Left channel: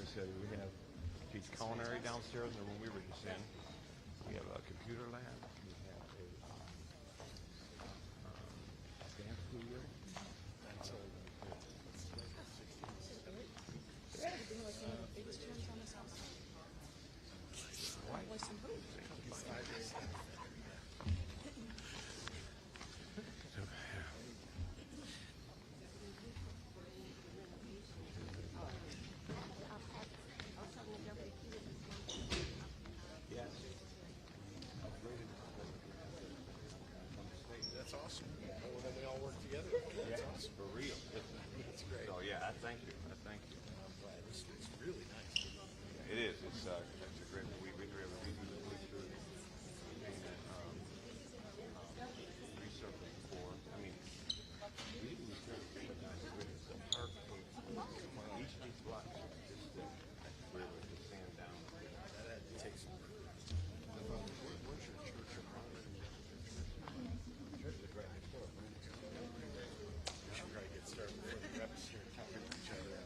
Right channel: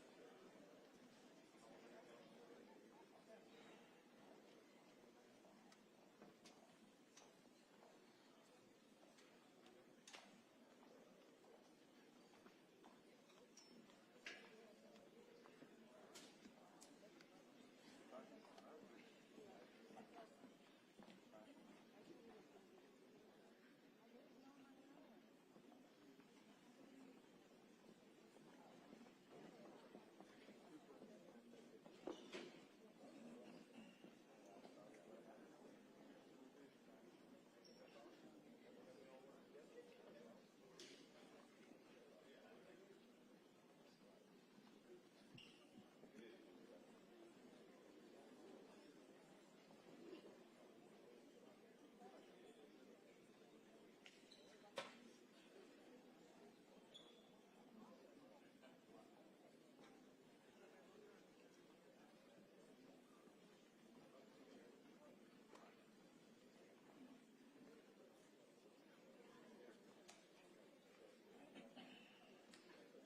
facility. We have teach culinary downstairs, and when we were just in, we have a computer lab. We have a dance studio. That's awesome. Well, then they all work together. That's awesome. For real. That's great. So yeah, I thank you. I thank you. It's really nice. It is. It's a great. We have a meeting with the police resurfacing for. I mean, we resurfacing each block. Just where the sand down. That had to take some. Where's your church? Church is right next door. We should probably get started with the reps here talking to each other.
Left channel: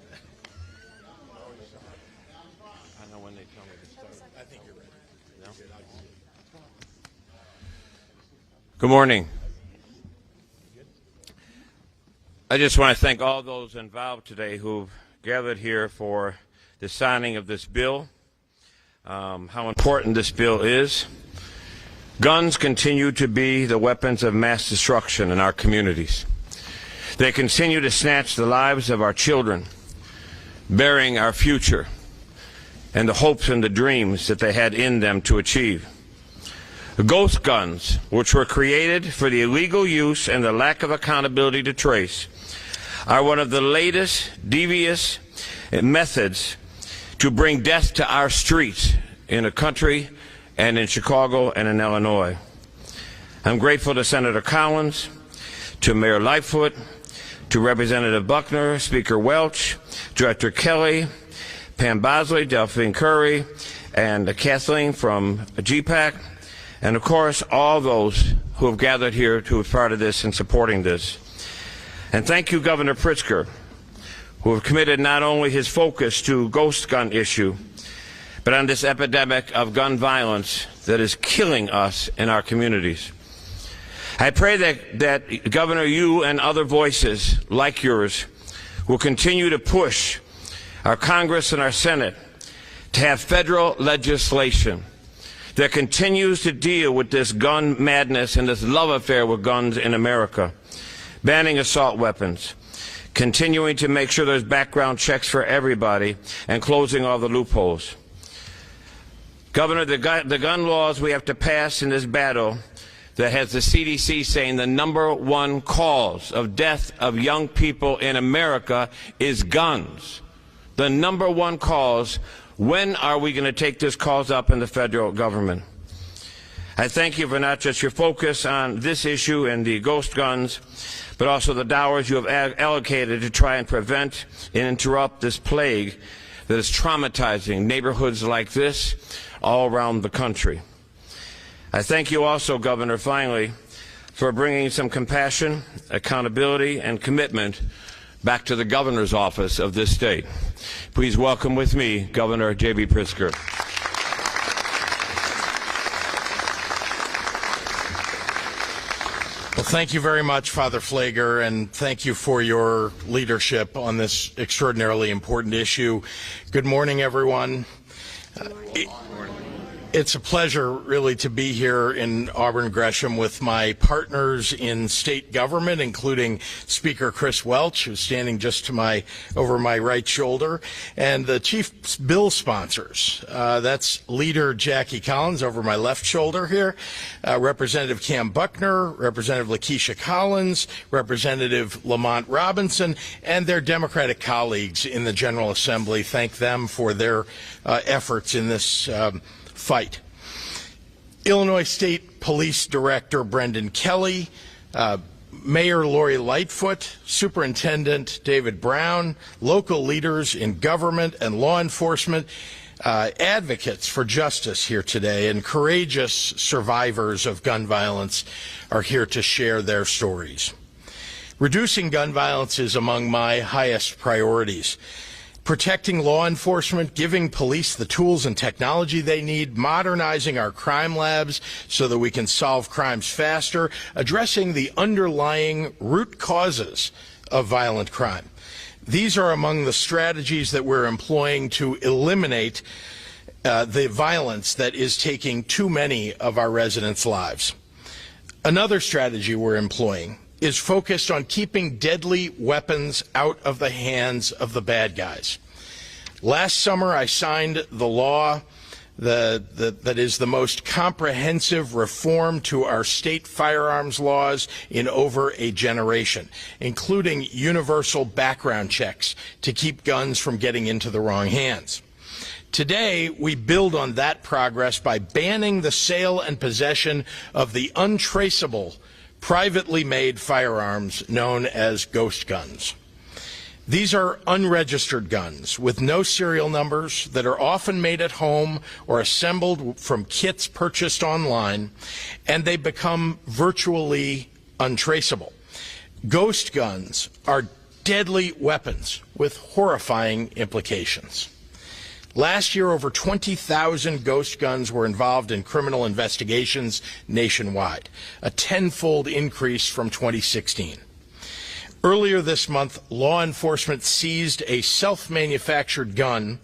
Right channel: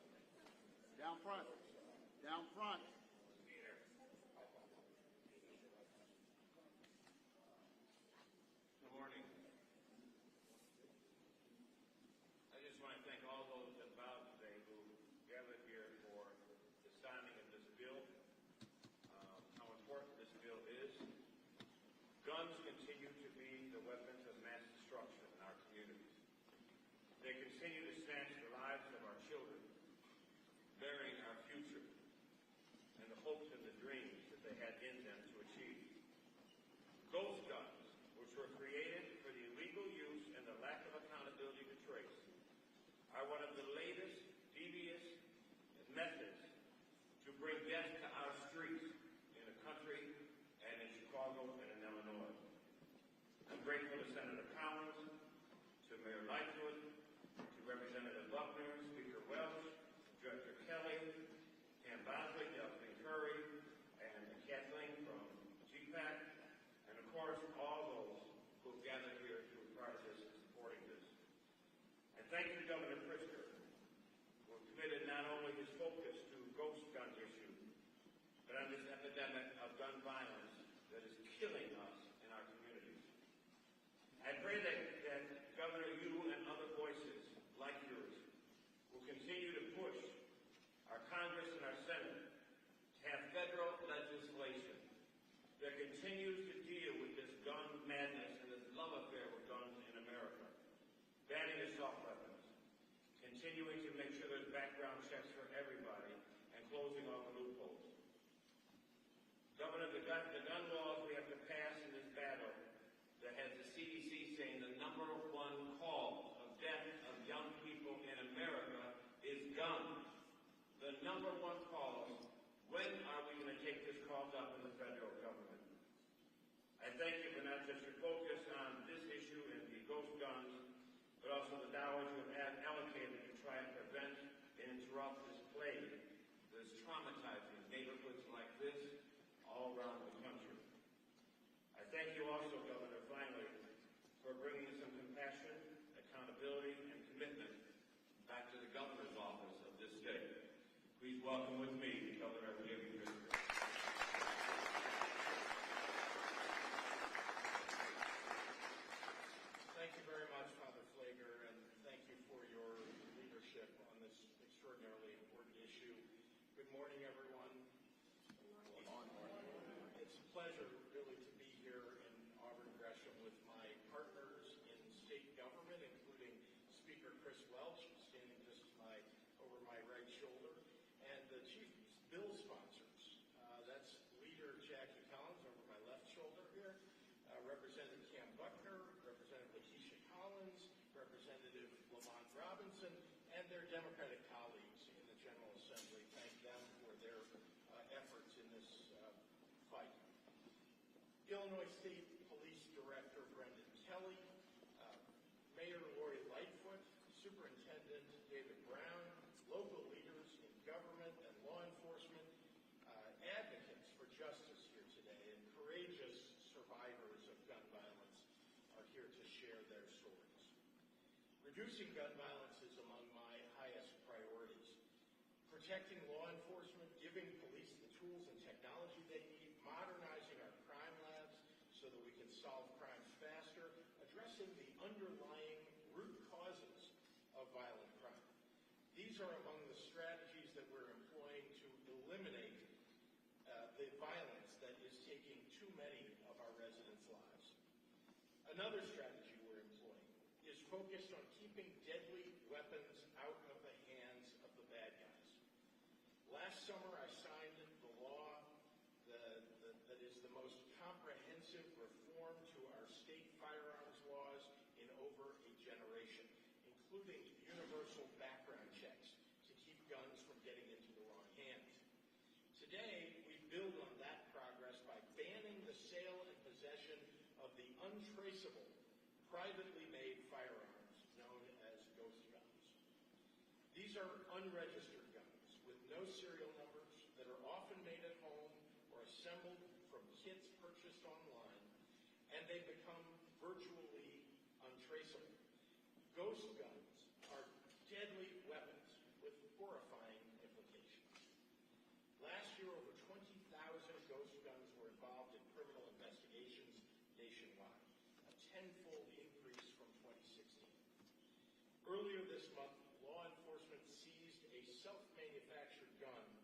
I know when they tell me to start. I think you're ready. No? Good. Good morning. I just want to thank all those involved today who've gathered here for the signing of this bill, how important this bill is. Guns continue to be the weapons of mass destruction in our communities. They continue to snatch the lives of our children, burying our future and the hopes and the dreams that they had in them to achieve. Ghost guns, which were created for the illegal use and the lack of accountability to trace, are one of the latest devious methods to bring death to our streets in the country and in Chicago and in Illinois. I'm grateful to Senator Collins, to Mayor Lightfoot, to Representative Buckner, Speaker Welch, Director Kelly, Pam Bosley, Delphine Curry, and Kathleen from GPAC, and of course all those who have gathered here to be part of this and supporting this. And thank you, Governor Pritzker, who have committed not only his focus to ghost gun issue, but on this epidemic of gun violence that is killing us in our communities. I pray that Governor, you and other voices like yours will continue to push our Congress and our Senate to have federal legislation that continues to deal with this gun madness and this love affair with guns in America, banning assault weapons, continuing to make sure there's background checks for everybody, and closing all the loopholes. Governor, the gun laws we have to pass in this battle that has the CDC saying the #1 cause of death of young people in America is guns. The #1 cause. When are we going to take this cause up in the federal government? I thank you for not just your focus on this issue and the ghost guns, but also the dollars you have allocated to try and prevent and interrupt this plague that is traumatizing neighborhoods like this all around the country. I thank you also, Governor, finally, for bringing some compassion, accountability, and commitment back to the governor's office of this state. Please welcome with me Governor J.B. Pritzker. Well, thank you very much, Father Pfleger, and thank you for your leadership on this extraordinarily important issue. Good morning, everyone. It's a pleasure, really, to be here in Auburn Gresham with my partners in state government, including Speaker Chris Welch, who's standing just to over my right shoulder, and the chief bill sponsors. That's Leader Jackie Collins over my left shoulder here, Representative Kam Buckner, Representative Lakeisha Collins, Representative Lamont Robinson, and their Democratic colleagues in the General Assembly. Thank them for their efforts in this fight. Illinois State Police Director Brendan Kelly, Mayor Lori Lightfoot, Superintendent David Brown, local leaders in government and law enforcement, advocates for justice here today, and courageous survivors of gun violence are here to share their stories. Reducing gun violence is among my highest priorities. protecting law enforcement, giving police the tools and technology they need, modernizing our crime labs so that we can solve crimes faster, addressing the underlying root causes of violent crime. These are among the strategies that we're employing to eliminate the violence that is taking too many of our residents' lives. Another strategy we're employing is focused on keeping deadly weapons out of the hands of the bad guys. Last summer, I signed the law that is the most comprehensive reform to our state firearms laws in over a generation, including universal background checks to keep guns from getting into the wrong hands. Today, we build on that progress by banning the sale and possession of the untraceable, privately made firearms known as ghost guns. These are unregistered guns with no serial numbers that are often made at home or assembled from kits purchased online, and they become virtually untraceable. Ghost guns are deadly weapons with horrifying implications. Last year, over 20,000 ghost guns were involved in criminal investigations nationwide, a tenfold increase from 2016. Earlier this month, law enforcement seized a self-manufactured gun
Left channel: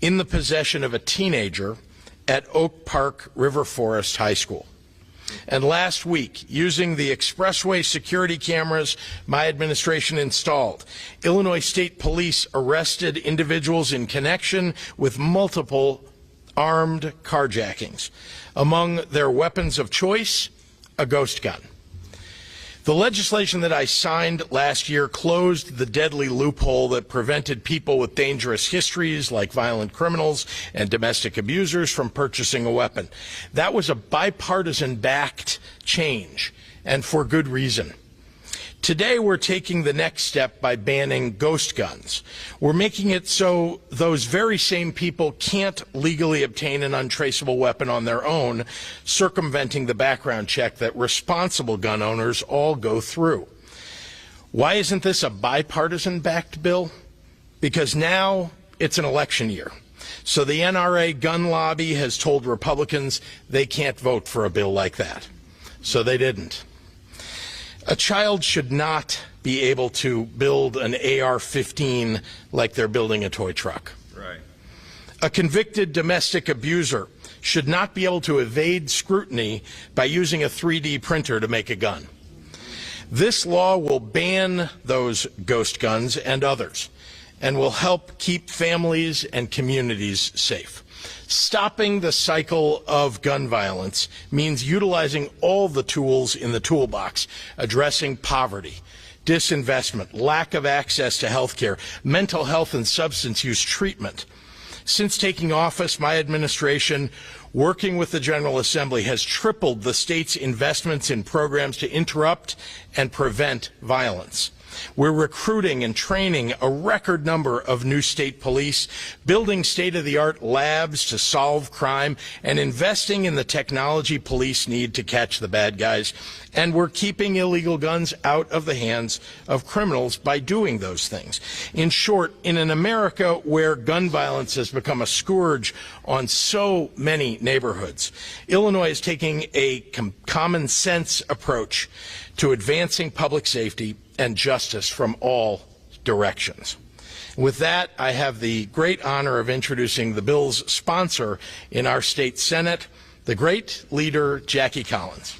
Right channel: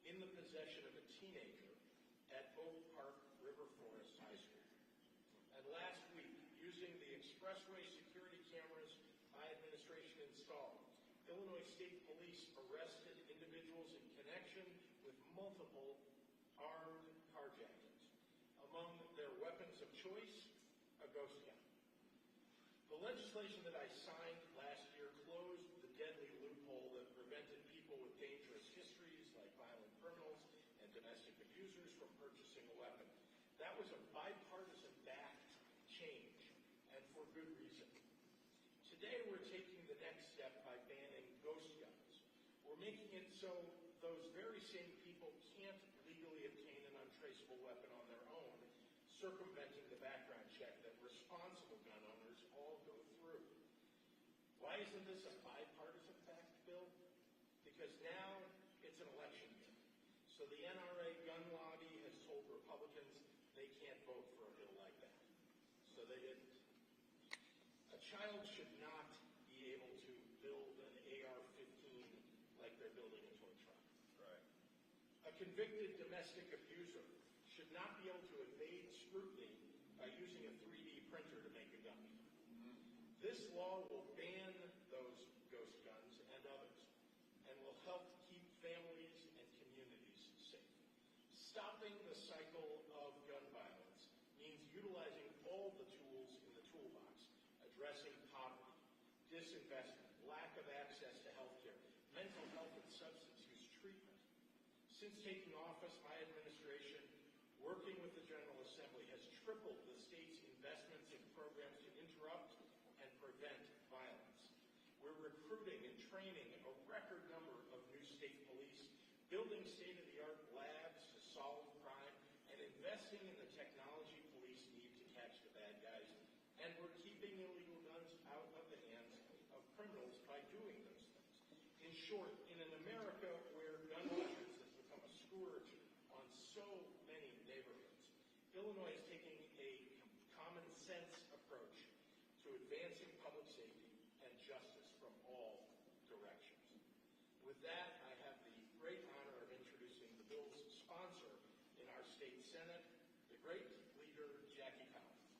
in the possession of a teenager at Oak Park River Forest High School. And last week, using the expressway security cameras my administration installed, Illinois State Police arrested individuals in connection with multiple armed carjackings. Among their weapons of choice, a ghost gun. The legislation that I signed last year closed the deadly loophole that prevented people with dangerous histories like violent criminals and domestic abusers from purchasing a weapon. That was a bipartisan-backed change, and for good reason. Today, we're taking the next step by banning ghost guns. We're making it so those very same people can't legally obtain an untraceable weapon on their own, circumventing the background check that responsible gun owners all go through. Why isn't this a bipartisan-backed bill? Because now it's an election year. So the NRA gun lobby has told Republicans they can't vote for a bill like that. So they didn't. A child should not be able to build an AR-15 like they're building a toy truck. Right. A convicted domestic abuser should not be able to evade scrutiny by using a 3D printer to make a gun. This law will ban those ghost guns and others, and will help keep families and communities safe. Stopping the cycle of gun violence means utilizing all the tools in the toolbox, addressing poverty, disinvestment, lack of access to health care, mental health and substance use treatment. Since taking office, my administration, working with the General Assembly, has tripled the state's investments in programs to interrupt and prevent violence. We're recruiting and training a record number of new state police, building state-of-the-art labs to solve crime, and investing in the technology police need to catch the bad guys. And we're keeping illegal guns out of the hands of criminals by doing those things. In short, in an America where gun violence has become a scourge on so many neighborhoods, Illinois is taking a common sense approach to advancing public safety and justice from all directions. With that, I have the great honor of introducing the bill's sponsor in our state Senate, the great leader, Jackie Collins.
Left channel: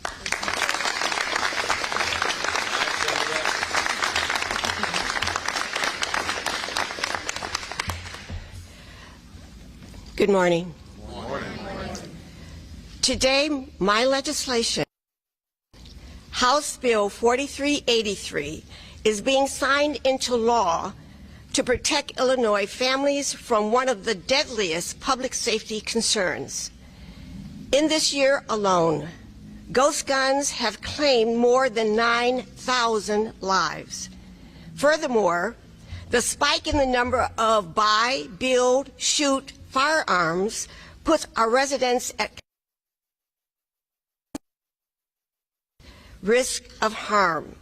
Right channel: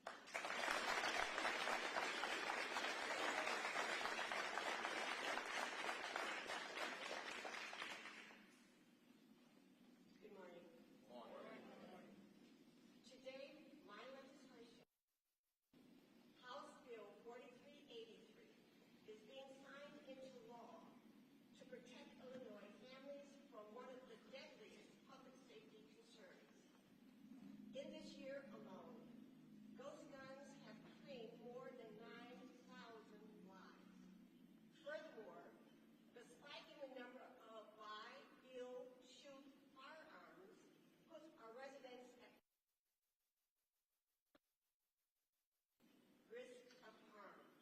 Good morning. Good morning. Today, my legislation, House Bill 4383, is being signed into law to protect Illinois families from one of the deadliest public safety concerns. In this year alone, ghost guns have claimed more than 9,000 lives. Furthermore, the spike in the number of buy, build, shoot firearms puts our residents at risk of harm.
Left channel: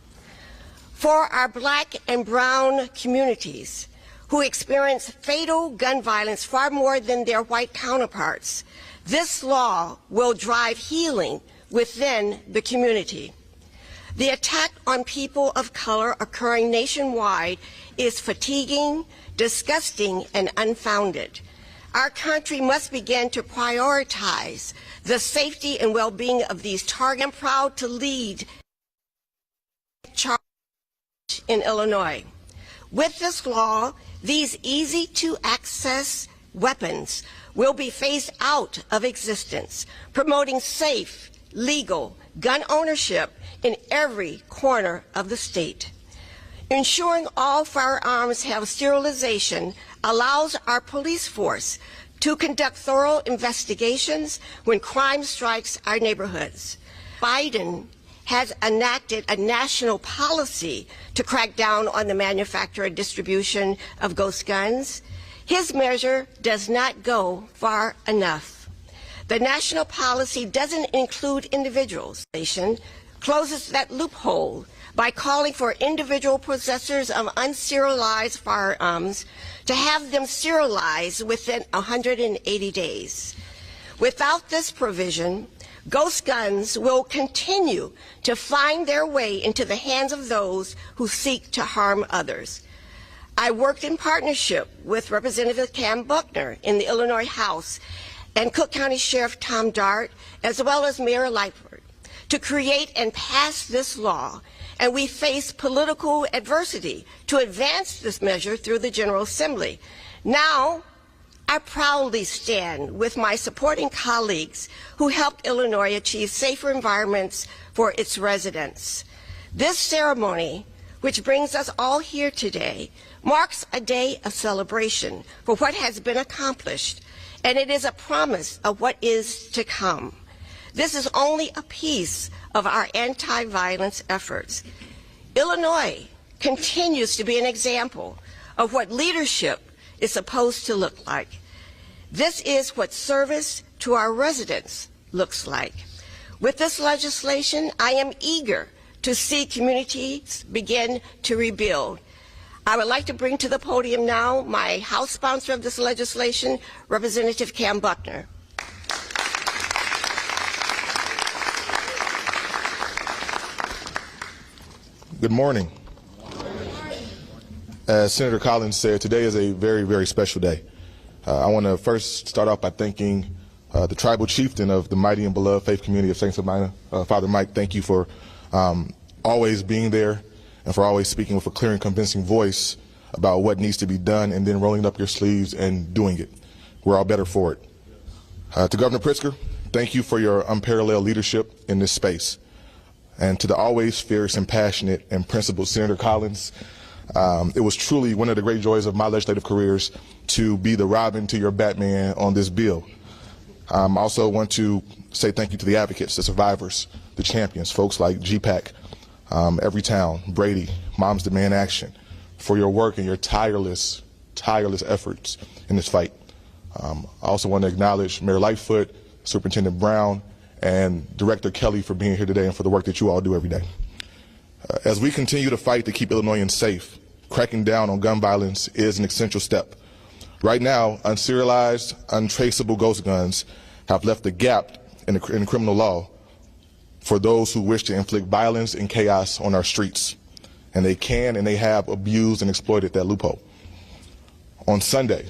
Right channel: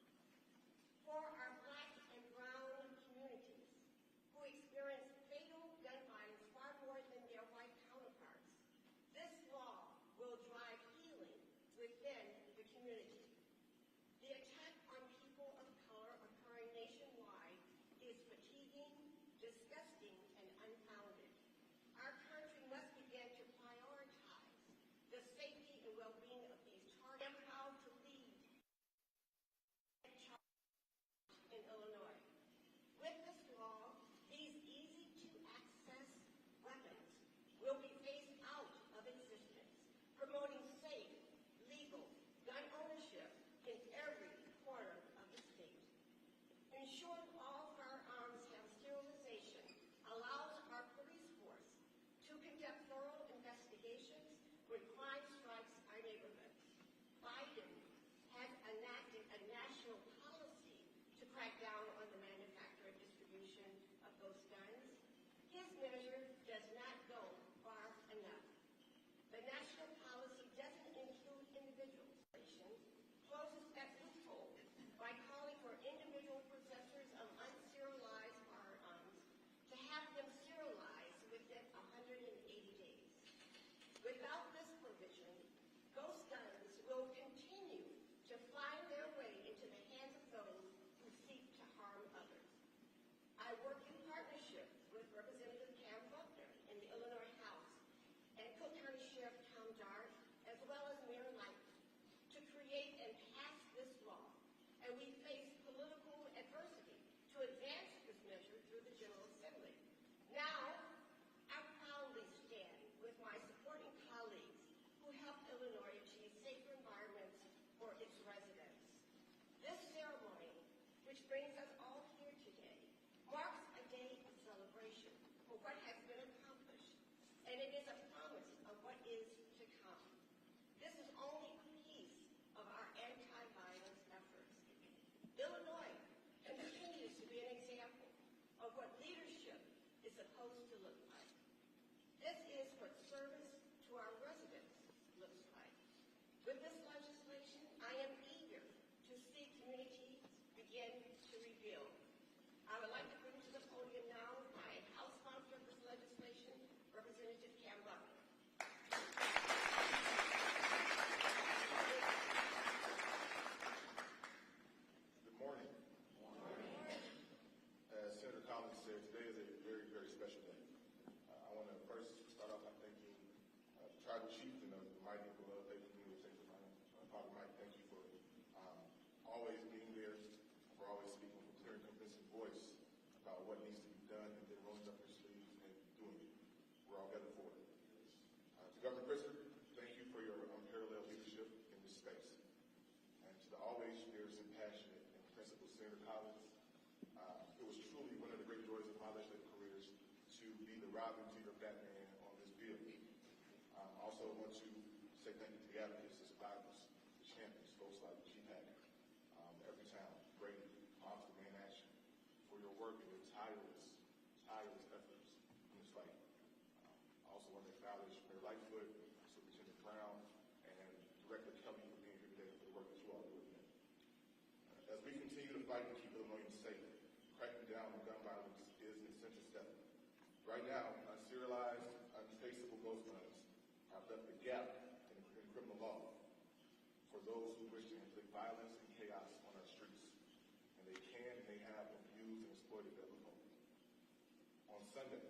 For our black and brown communities, who experience fatal gun violence far more than their white counterparts. This law will drive healing within the community. The attack on people of color occurring nationwide is fatiguing, disgusting, and unfounded. Our country must begin to prioritize the safety and well-being of these targets. I'm proud to lead charge in Illinois. With this law, these easy-to-access weapons will be phased out of existence, promoting safe, legal gun ownership in every corner of the state. Ensuring all firearms have sterilization allows our police force to conduct thorough investigations when crime strikes our neighborhoods. Biden has enacted a national policy to crack down on the manufacture and distribution of ghost guns. His measure does not go far enough. The national policy doesn't include individuals. Closes that loophole by calling for individual possessors of unserialized firearms to have them serialized within 180 days. Without this provision, ghost guns will continue to find their way into the hands of those who seek to harm others. I worked in partnership with Representative Kam Buckner in the Illinois House and Cook County Sheriff Tom Dart, as well as Mayor Lightfoot, to create and pass this law, and we face political adversity to advance this measure through the General Assembly. Now, I proudly stand with my supporting colleagues who helped Illinois achieve safer environments for its residents. This ceremony, which brings us all here today, marks a day of celebration for what has been accomplished, and it is a promise of what is to come. This is only a piece of our anti-violence efforts. Illinois continues to be an example of what leadership is supposed to look like. This is what service to our residents looks like. With this legislation, I am eager to see communities begin to rebuild. I would like to bring to the podium now my House sponsor of this legislation, Representative Kam Buckner. Good morning. As Senator Collins said, today is a very, very special day. I want to first start off by thanking the tribal chieftain of the mighty and beloved faith community of St. Sabina, Father Mike. Thank you for always being there and for always speaking with a clear and convincing voice about what needs to be done and then rolling up your sleeves and doing it. We're all better for it. To Governor Pritzker, thank you for your unparalleled leadership in this space. And to the always fierce and passionate and principled Senator Collins, it was truly one of the great joys of my legislative careers to be the Robin to your Batman on this bill. I also want to say thank you to the advocates, the survivors, the champions, folks like GPAC, Everytown, Brady, Moms Demand Action, for your work and your tireless efforts in this fight. I also want to acknowledge Mayor Lightfoot, Superintendent Brown, and Director Kelly for being here today and for the work that you all do every day. As we continue to fight to keep Illinoisans safe, cracking down on gun violence is an essential step. Right now, unserialized, untraceable ghost guns have left a gap in the criminal law for those who wish to inflict violence and chaos on our streets. And they can and they have abused and exploited that loophole. On Sunday,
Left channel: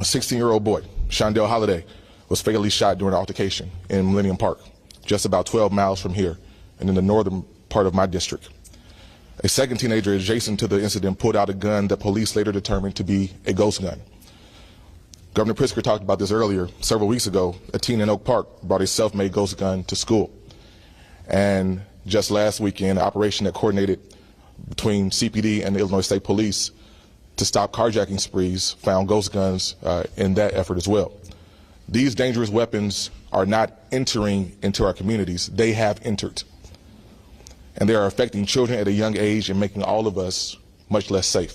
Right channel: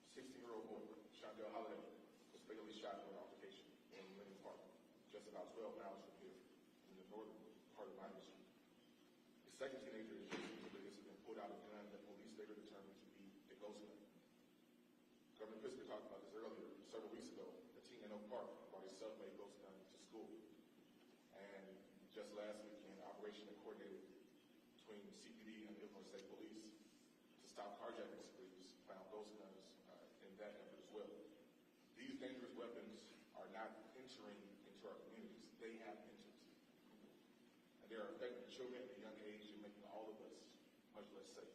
a 16-year-old boy, Shondell Holliday, was fatally shot during an altercation in Millennium Park, just about 12 miles from here and in the northern part of my district. A second teenager adjacent to the incident pulled out a gun that police later determined to be a ghost gun. Governor Pritzker talked about this earlier. Several weeks ago, a teen in Oak Park brought a self-made ghost gun to school. And just last weekend, an operation that coordinated between CPD and the Illinois State Police to stop carjacking sprees found ghost guns in that effort as well. These dangerous weapons are not entering into our communities, they have entered. And they are affecting children at a young age and making all of us much less safe.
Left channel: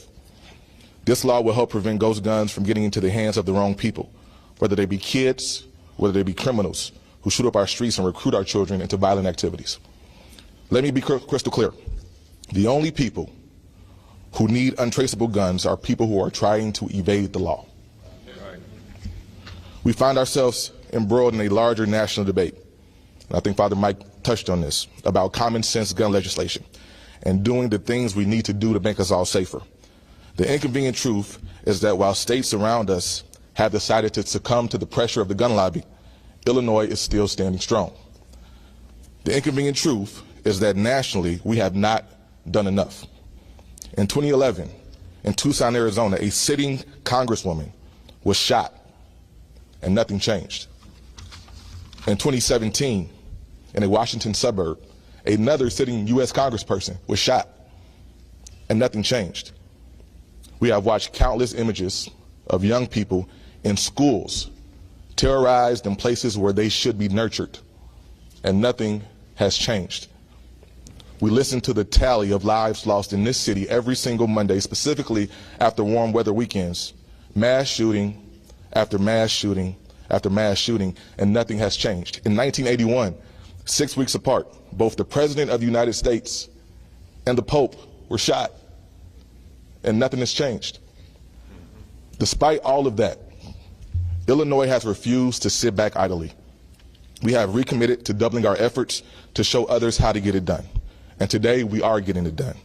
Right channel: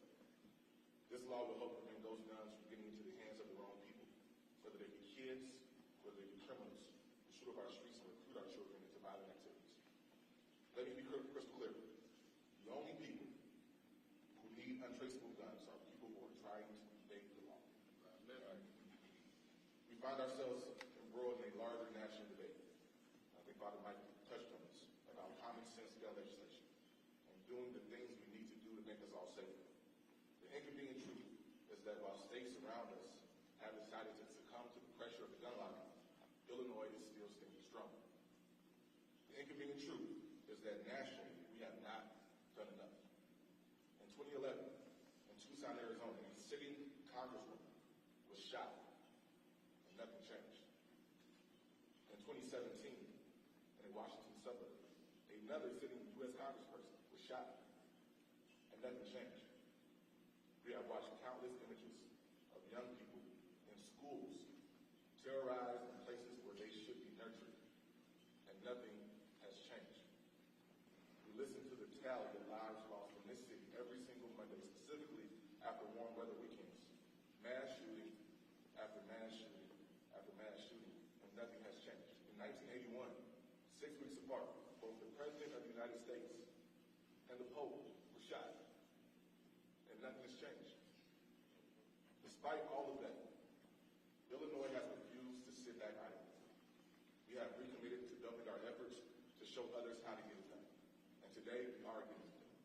This law will help prevent ghost guns from getting into the hands of the wrong people, whether they be kids, whether they be criminals who shoot up our streets and recruit our children into violent activities. Let me be crystal clear. The only people who need untraceable guns are people who are trying to evade the law. We find ourselves embroiled in a larger national debate, and I think Father Mike touched on this, about common sense gun legislation and doing the things we need to do to make us all safer. The inconvenient truth is that while states around us have decided to succumb to the pressure of the gun lobby, Illinois is still standing strong. The inconvenient truth is that nationally we have not done enough. In 2011, in Tucson, Arizona, a sitting congresswoman was shot and nothing changed. In 2017, in a Washington suburb, another sitting U.S. congressperson was shot and nothing changed. We have watched countless images of young people in schools terrorized in places where they should be nurtured, and nothing has changed. We listen to the tally of lives lost in this city every single Monday, specifically after warm weather weekends, mass shooting after mass shooting after mass shooting, and nothing has changed. In 1981, 6 weeks apart, both the President of the United States and the Pope were shot, and nothing has changed. Despite all of that, Illinois has refused to sit back idly. We have recommitted to doubling our efforts to show others how to get it done. And today, we are getting it done.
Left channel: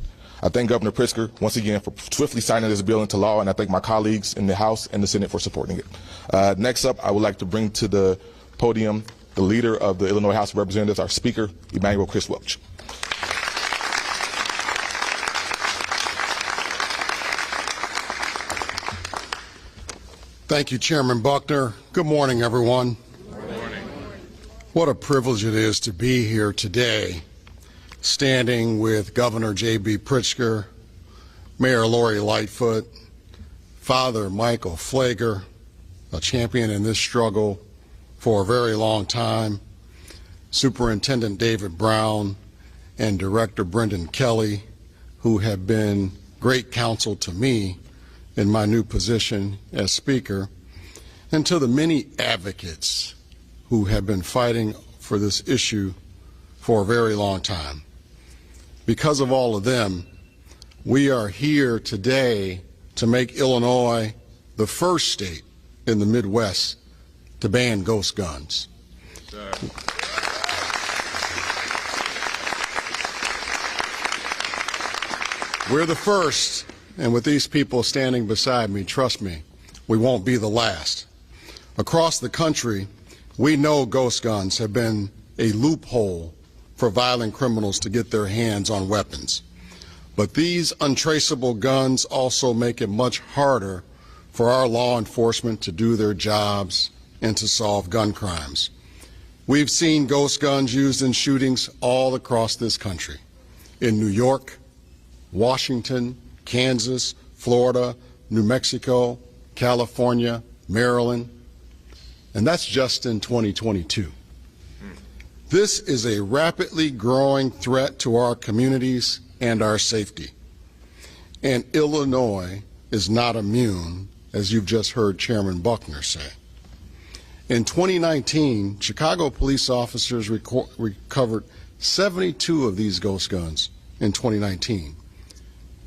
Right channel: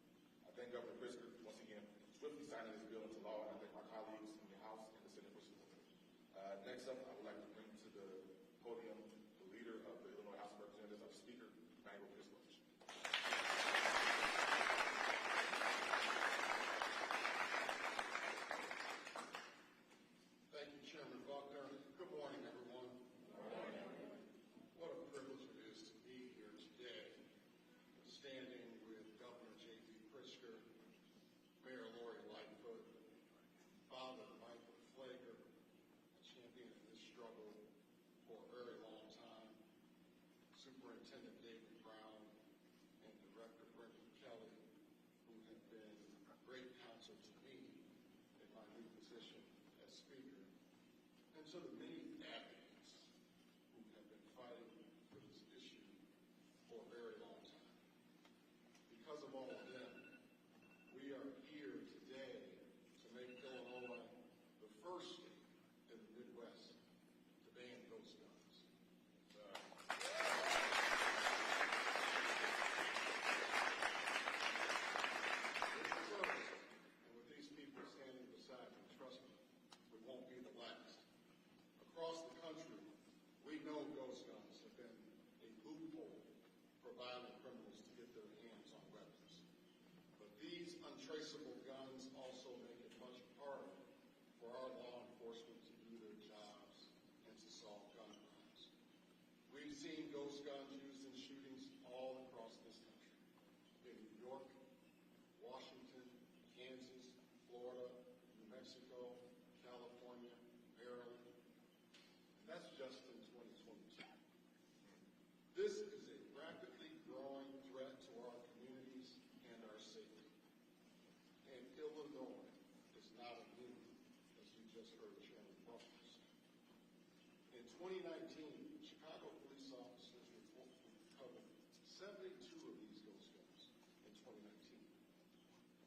I thank Governor Pritzker once again for swiftly signing this bill into law, and I thank my colleagues in the House and the Senate for supporting it. Next up, I would like to bring to the podium the leader of the Illinois House of Representatives, our Speaker, Emmanuel Chris Welch. Thank you, Chairman Buckner. Good morning, everyone. Good morning. What a privilege it is to be here today, standing with Governor J.B. Pritzker, Mayor Lori Lightfoot, Father Michael Pfleger, a champion in this struggle for a very long time, Superintendent David Brown, and Director Brendan Kelly, who have been great counsel to me in my new position as Speaker, and to the many advocates who have been fighting for this issue for a very long time. Because of all of them, we are here today to make Illinois the first state in the Midwest to ban ghost guns. We're the first, and with these people standing beside me, trust me, we won't be the last. Across the country, we know ghost guns have been a loophole for violent criminals to get their hands on weapons. But these untraceable guns also make it much harder for our law enforcement to do their jobs and to solve gun crimes. We've seen ghost guns used in shootings all across this country, in New York, Washington, Kansas, Florida, New Mexico, California, Maryland, and that's just in 2022. This is a rapidly growing threat to our communities and our safety. And Illinois is not immune, as you've just heard Chairman Buckner say. In 2019, Chicago police officers recovered 72 of these ghost guns in 2019.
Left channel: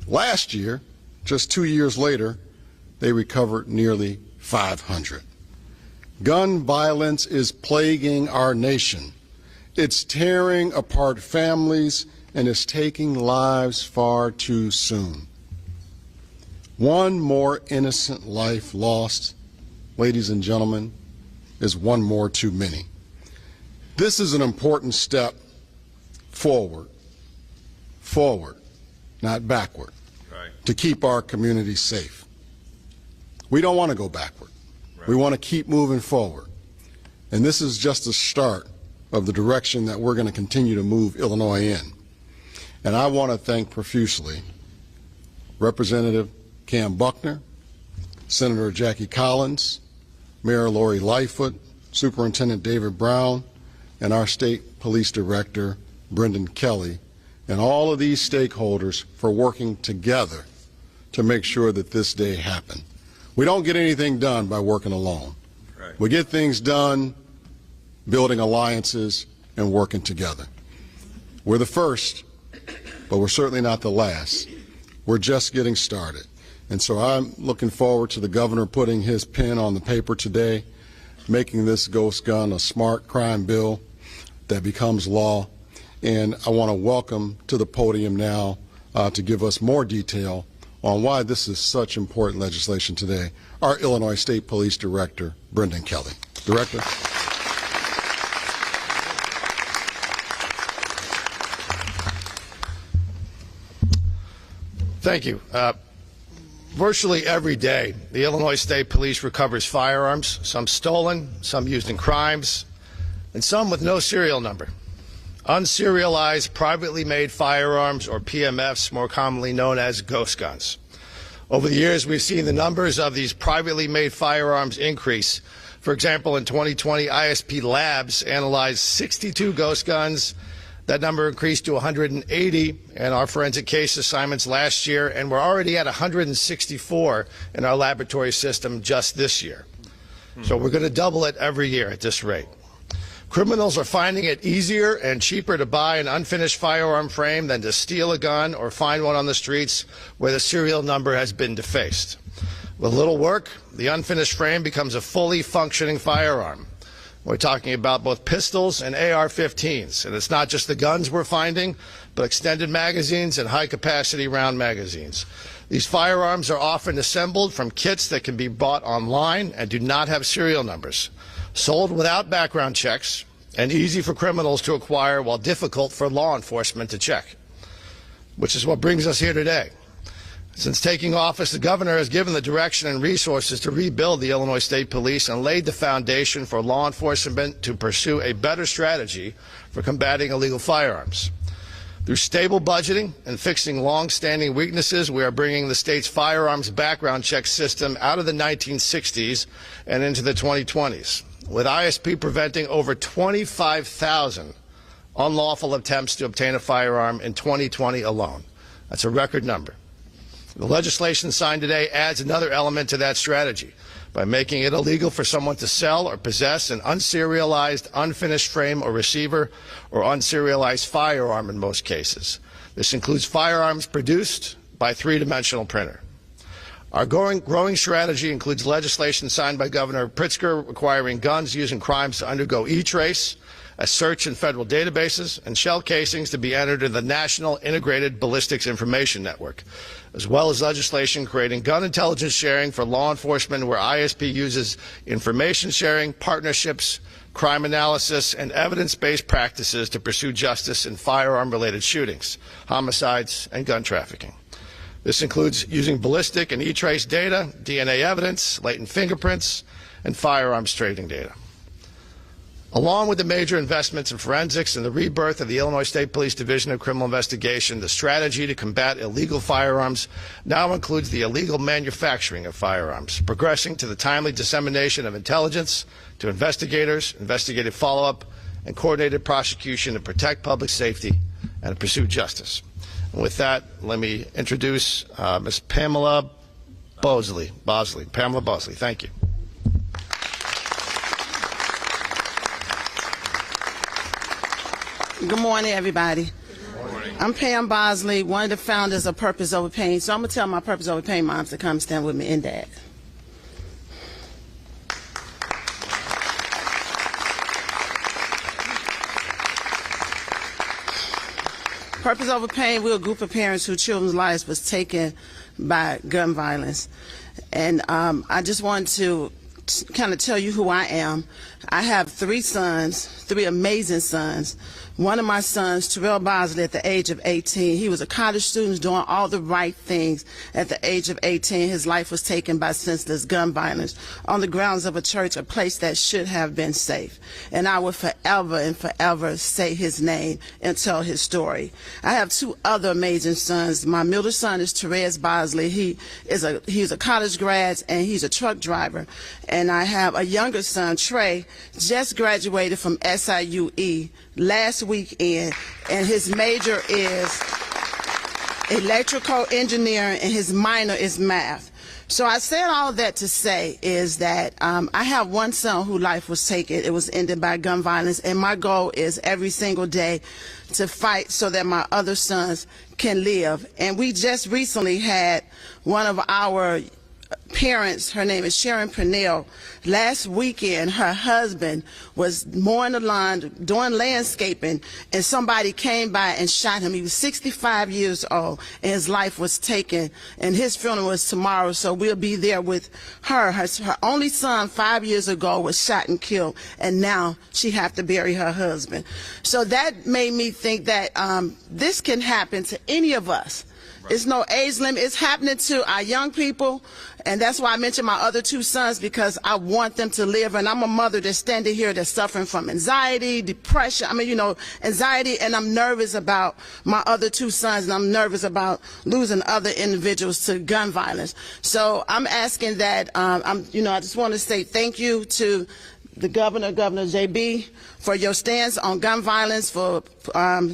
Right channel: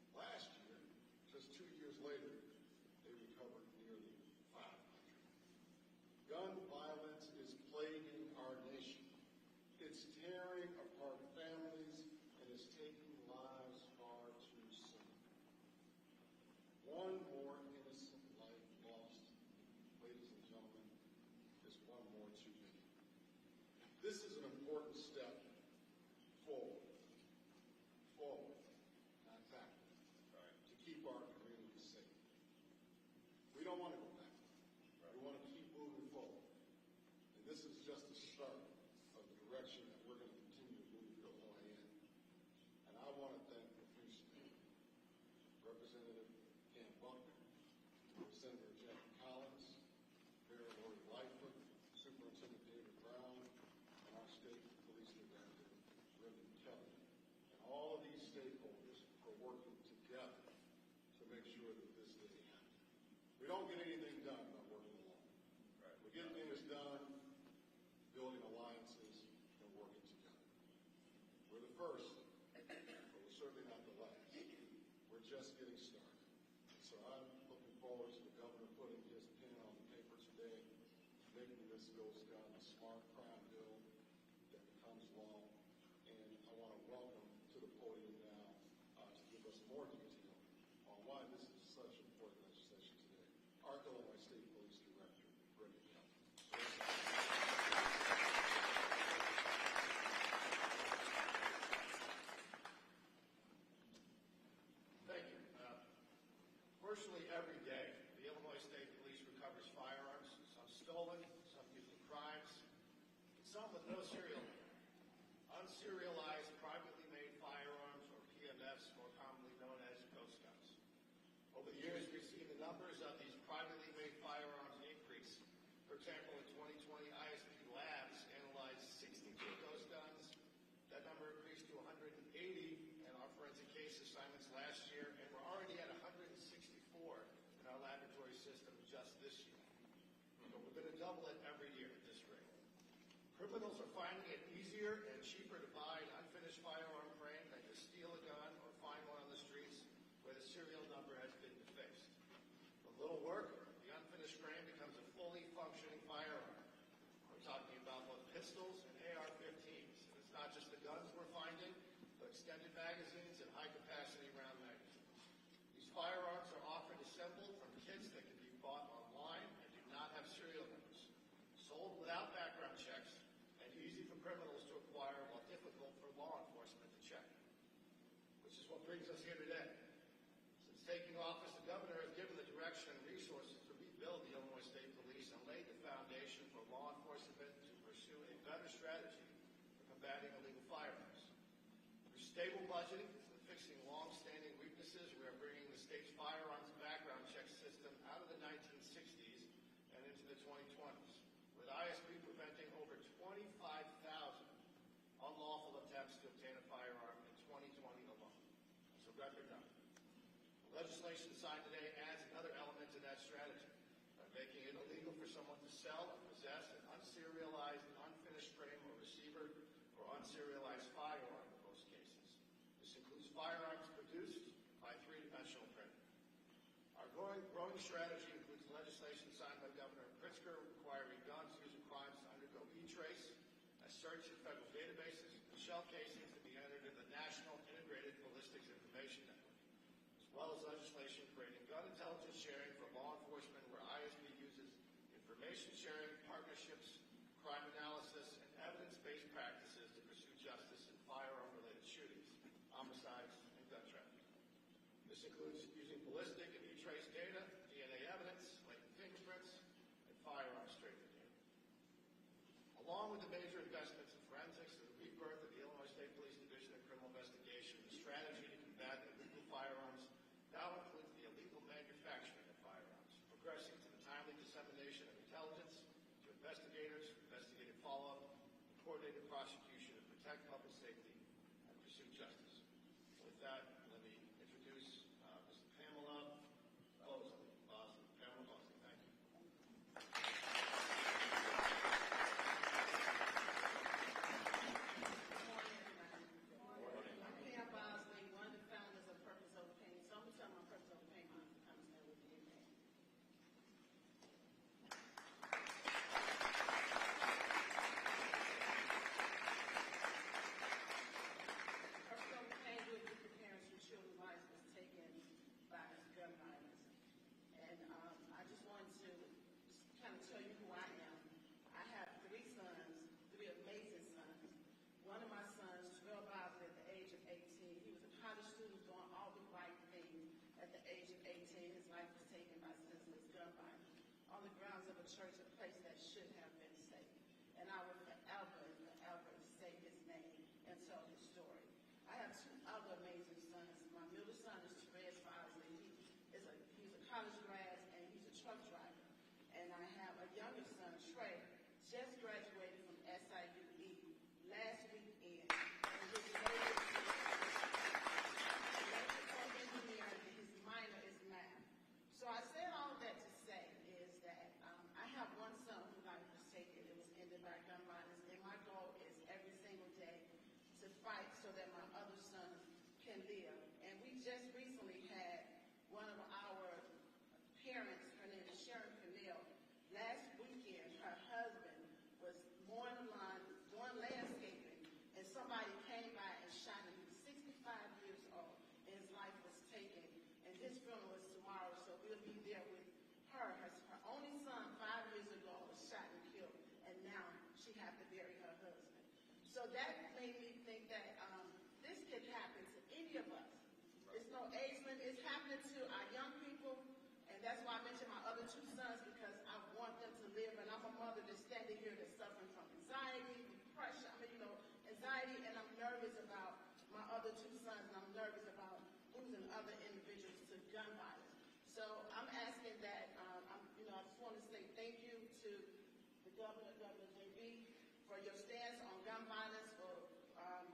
Last year, just 2 years later, they recovered nearly 500. Gun violence is plaguing our nation. It's tearing apart families and is taking lives far too soon. One more innocent life lost, ladies and gentlemen, is one more too many. This is an important step forward, not backward, to keep our communities safe. We don't want to go backward. We want to keep moving forward. And this is just the start of the direction that we're going to continue to move Illinois in. And I want to thank profusely Representative Kam Buckner, Senator Jackie Collins, Mayor Lori Lightfoot, Superintendent David Brown, and our State Police Director, Brendan Kelly, and all of these stakeholders for working together to make sure that this day happened. We don't get anything done by working alone. Right. We get things done building alliances and working together. We're the first, but we're certainly not the last. We're just getting started. And so I'm looking forward to the governor putting his pen on the paper today, making this ghost gun a smart crime bill that becomes law. And I want to welcome to the podium now to give us more detail on why this is such important legislation today, our Illinois State Police Director, Brendan Kelly. Director. Thank you. Virtually every day, the Illinois State Police recovers firearms, some stolen, some used in crimes, and some with no serial number. Unserialized, privately made firearms, or PMFs, more commonly known as ghost guns. Over the years, we've seen the numbers of these privately made firearms increase. For example, in 2020, ISP Labs analyzed 62 ghost guns. That number increased to 180 in our forensic case assignments last year, and we're already at 164 in our laboratory system just this year. So we're going to double it every year at this rate. Criminals are finding it easier and cheaper to buy an unfinished firearm frame than to steal a gun or find one on the streets where the serial number has been defaced. With little work, the unfinished frame becomes a fully functioning firearm. We're talking about both pistols and AR-15s, and it's not just the guns we're finding, but extended magazines and high-capacity round magazines. These firearms are often assembled from kits that can be bought online and do not have serial numbers, sold without background checks, and easy for criminals to acquire while difficult for law enforcement to check, which is what brings us here today. Since taking office, the governor has given the direction and resources to rebuild the Illinois State Police and laid the foundation for law enforcement to pursue a better strategy for combating illegal firearms. Through stable budgeting and fixing long-standing weaknesses, we are bringing the state's firearms background check system out of the 1960s and into the 2020s, with ISP preventing over 25,000 unlawful attempts to obtain a firearm in 2020 alone. That's a record number. The legislation signed today adds another element to that strategy by making it illegal for someone to sell or possess an unserialized, unfinished frame or receiver or unserialized firearm in most cases. This includes firearms produced by three-dimensional printer. Our growing strategy includes legislation signed by Governor Pritzker requiring guns used in crimes to undergo e-trace, a search in federal databases, and shell casings to be entered in the National Integrated Ballistics Information Network, as well as legislation creating gun intelligence sharing for law enforcement where ISP uses information sharing, partnerships, crime analysis, and evidence-based practices to pursue justice in firearm-related shootings, homicides, and gun trafficking. This includes using ballistic and e-trace data, DNA evidence, latent fingerprints, and firearms trading data. Along with the major investments in forensics and the rebirth of the Illinois State Police Division of Criminal Investigation, the strategy to combat illegal firearms now includes the illegal manufacturing of firearms, progressing to the timely dissemination of intelligence to investigators, investigative follow-up, and coordinated prosecution to protect public safety and to pursue justice. And with that, let me introduce Ms. Pamela Bosley. Pamela Bosley, thank you. Good morning, everybody. Good morning. I'm Pam Bosley, one of the founders of Purpose Over Pain. So I'm going to tell my Purpose Over Pain moms to come stand with me in that. Purpose Over Pain, we're a group of parents whose children's lives was taken by gun violence. And I just want to kind of tell you who I am. I have three sons, three amazing sons. One of my sons, Terrell Bosley, at the age of 18, he was a college student doing all the right things. At the age of 18, his life was taken by senseless gun violence on the grounds of a church, a place that should have been safe. And I will forever and forever say his name and tell his story. I have two other amazing sons. My middle son is Therese Bosley. He's a college grad and he's a truck driver. And I have a younger son, Trey, just graduated from SIUE last weekend, and his major is electrical engineering and his minor is math. So I said all that to say is that I have one son whose life was taken. It was ended by gun violence, and my goal is every single day to fight so that my other sons can live. And we just recently had one of our parents, her name is Sharon Purnell. Last weekend, her husband was mowing the lawn, doing landscaping, and somebody came by and shot him. He was 65 years old, and his life was taken, and his funeral was tomorrow, so we'll be there with her. Her only son 5 years ago was shot and killed, and now she have to bury her husband. So that made me think that this can happen to any of us. It's no age limit. It's happening to our young people, and that's why I mentioned my other two sons, because I want them to live. And I'm a mother that's standing here that's suffering from anxiety, depression. I mean, you know, anxiety, and I'm nervous about my other two sons, and I'm nervous about losing other individuals to gun violence. So I'm asking that, I just want to say thank you to the Governor JB, for your stance on gun violence, for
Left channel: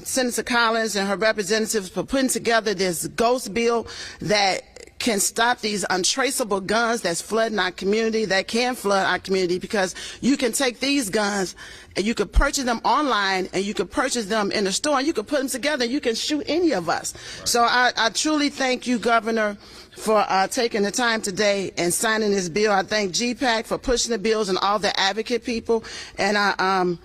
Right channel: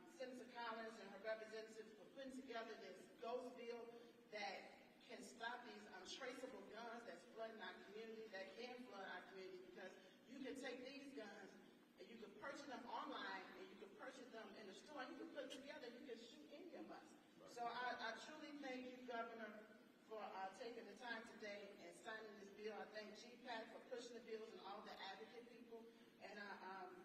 Senator Collins and her representatives for putting together this ghost bill that can stop these untraceable guns that's flooding our community, that can flood our community, because you can take these guns and you could purchase them online, and you could purchase them in the store, and you could put them together, and you can shoot any of us. Right. So I truly thank you, Governor, for taking the time today and signing this bill. I thank GPAC for pushing the bills and all the advocate people. And I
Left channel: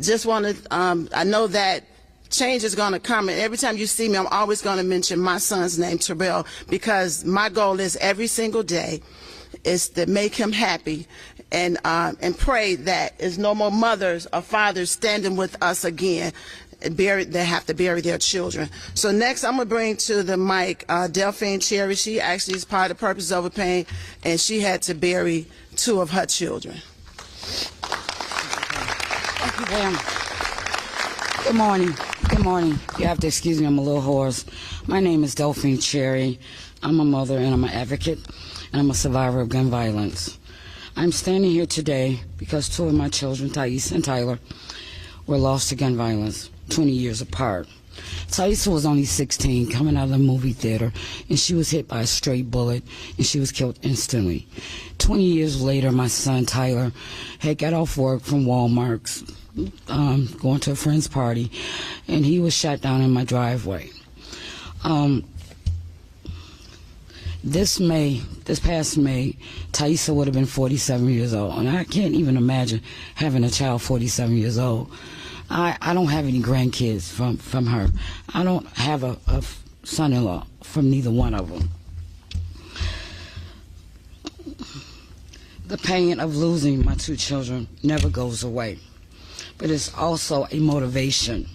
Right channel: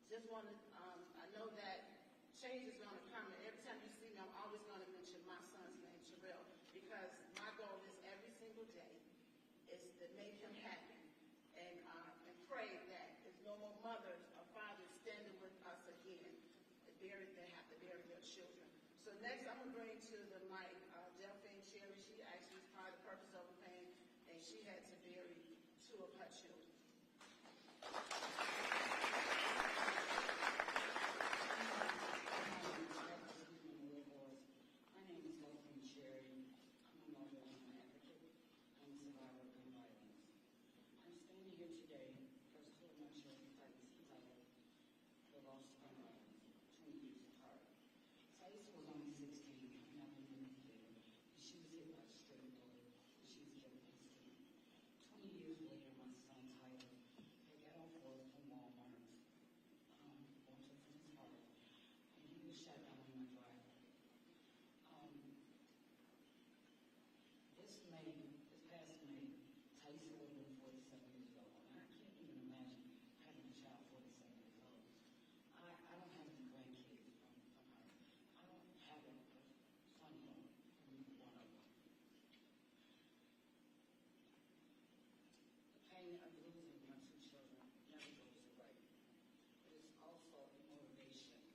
just want to, I know that change is going to come, and every time you see me, I'm always going to mention my son's name, Terrell, because my goal is every single day is to make him happy, and pray that there's no more mothers or fathers standing with us again. They have to bury their children. So next, I'm going to bring to the mic Delphine Cherry. She actually is part of Purpose Over Pain, and she had to bury two of her children. Thank you, ma'am. Good morning. Good morning. You have to excuse me, I'm a little hoarse. My name is Delphine Cherry. I'm a mother, and I'm an advocate, and I'm a survivor of gun violence. I'm standing here today because two of my children, Thais and Tyler, were lost to gun violence 20 years apart. Thais was only 16, coming out of the movie theater, and she was hit by a stray bullet, and she was killed instantly. 20 years later, my son Tyler had got off work from Walmart, going to a friend's party, and he was shot down in my driveway. This past May, Thaisa would have been 47 years old, and I can't even imagine having a child 47 years old. I don't have any grandkids from her. I don't have a son-in-law from neither one of them. The pain of losing my two children never goes away, but it's also a motivation.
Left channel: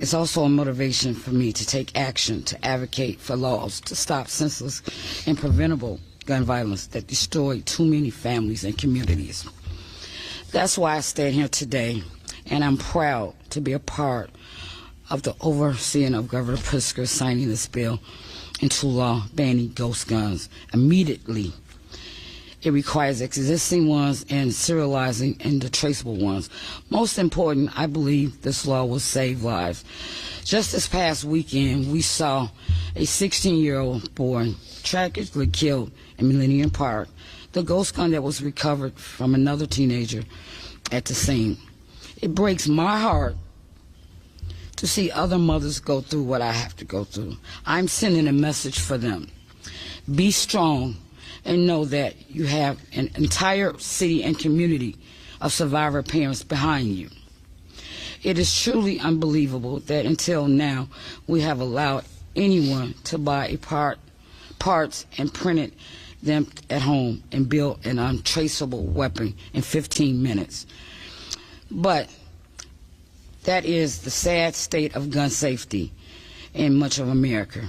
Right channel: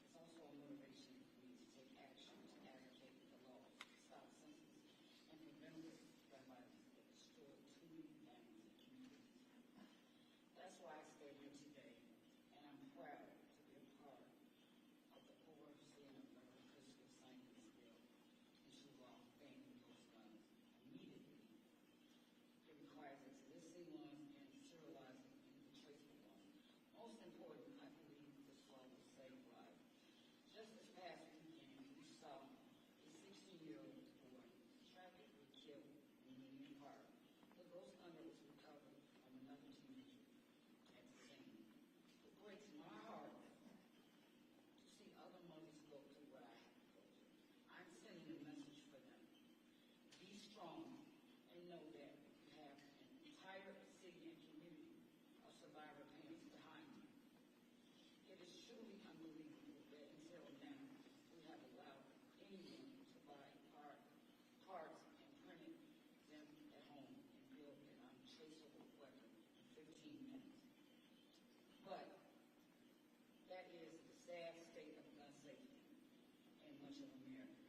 It's also a motivation for me to take action, to advocate for laws to stop senseless and preventable gun violence that destroy too many families and communities. That's why I stand here today, and I'm proud to be a part of the overseeing of Governor Pritzker signing this bill into law banning ghost guns immediately. It requires existing ones and serializing and the traceable ones. Most important, I believe this law will save lives. Just this past weekend, we saw a 16-year-old boy tragically killed in Millennium Park. The ghost gun that was recovered from another teenager at the scene. It breaks my heart to see other mothers go through what I have to go through. I'm sending a message for them. Be strong and know that you have an entire city and community of survivor parents behind you. It is truly unbelievable that until now we have allowed anyone to buy parts and print them at home and build an untraceable weapon in 15 minutes. But that is the sad state of gun safety in much of America,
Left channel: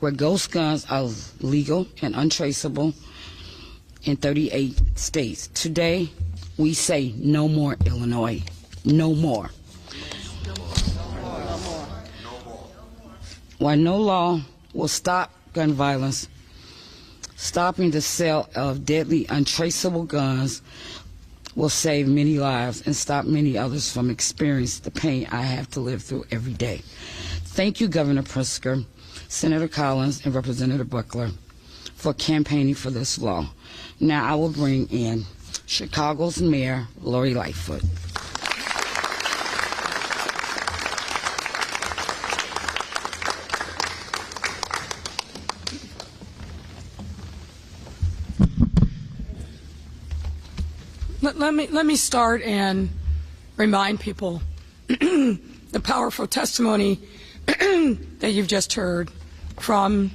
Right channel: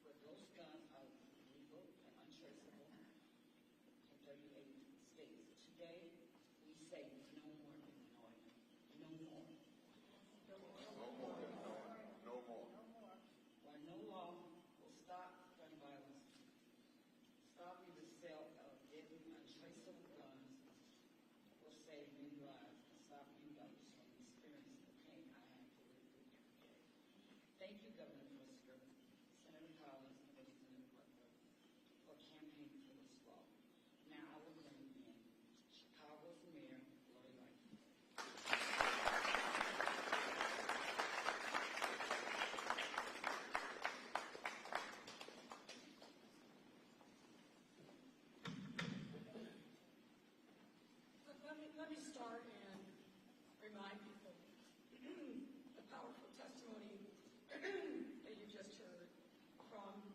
where ghost guns are legal and untraceable in 38 states. Today, we say no more, Illinois. No more. While no law will stop gun violence, stopping the sale of deadly, untraceable guns will save many lives and stop many others from experiencing the pain I have to live through every day. Thank you, Governor Pritzker, Senator Collins, and Representative Buckner for campaigning for this law. Now I will bring in Chicago's Mayor, Lori Lightfoot. let me start and remind people the powerful testimony that you've just heard from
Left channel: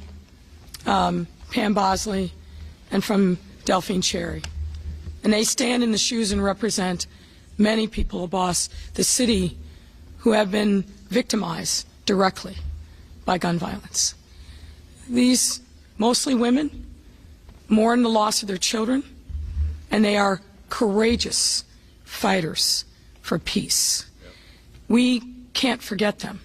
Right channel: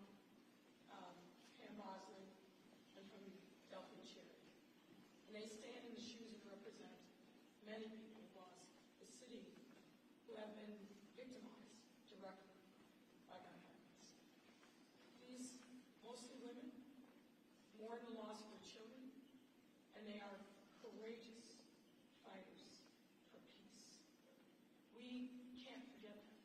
Pam Bosley and from Delphine Cherry. And they stand in the shoes and represent many people across the city who have been victimized directly by gun violence. These, mostly women, mourn the loss of their children, and they are courageous fighters for peace. We can't forget them.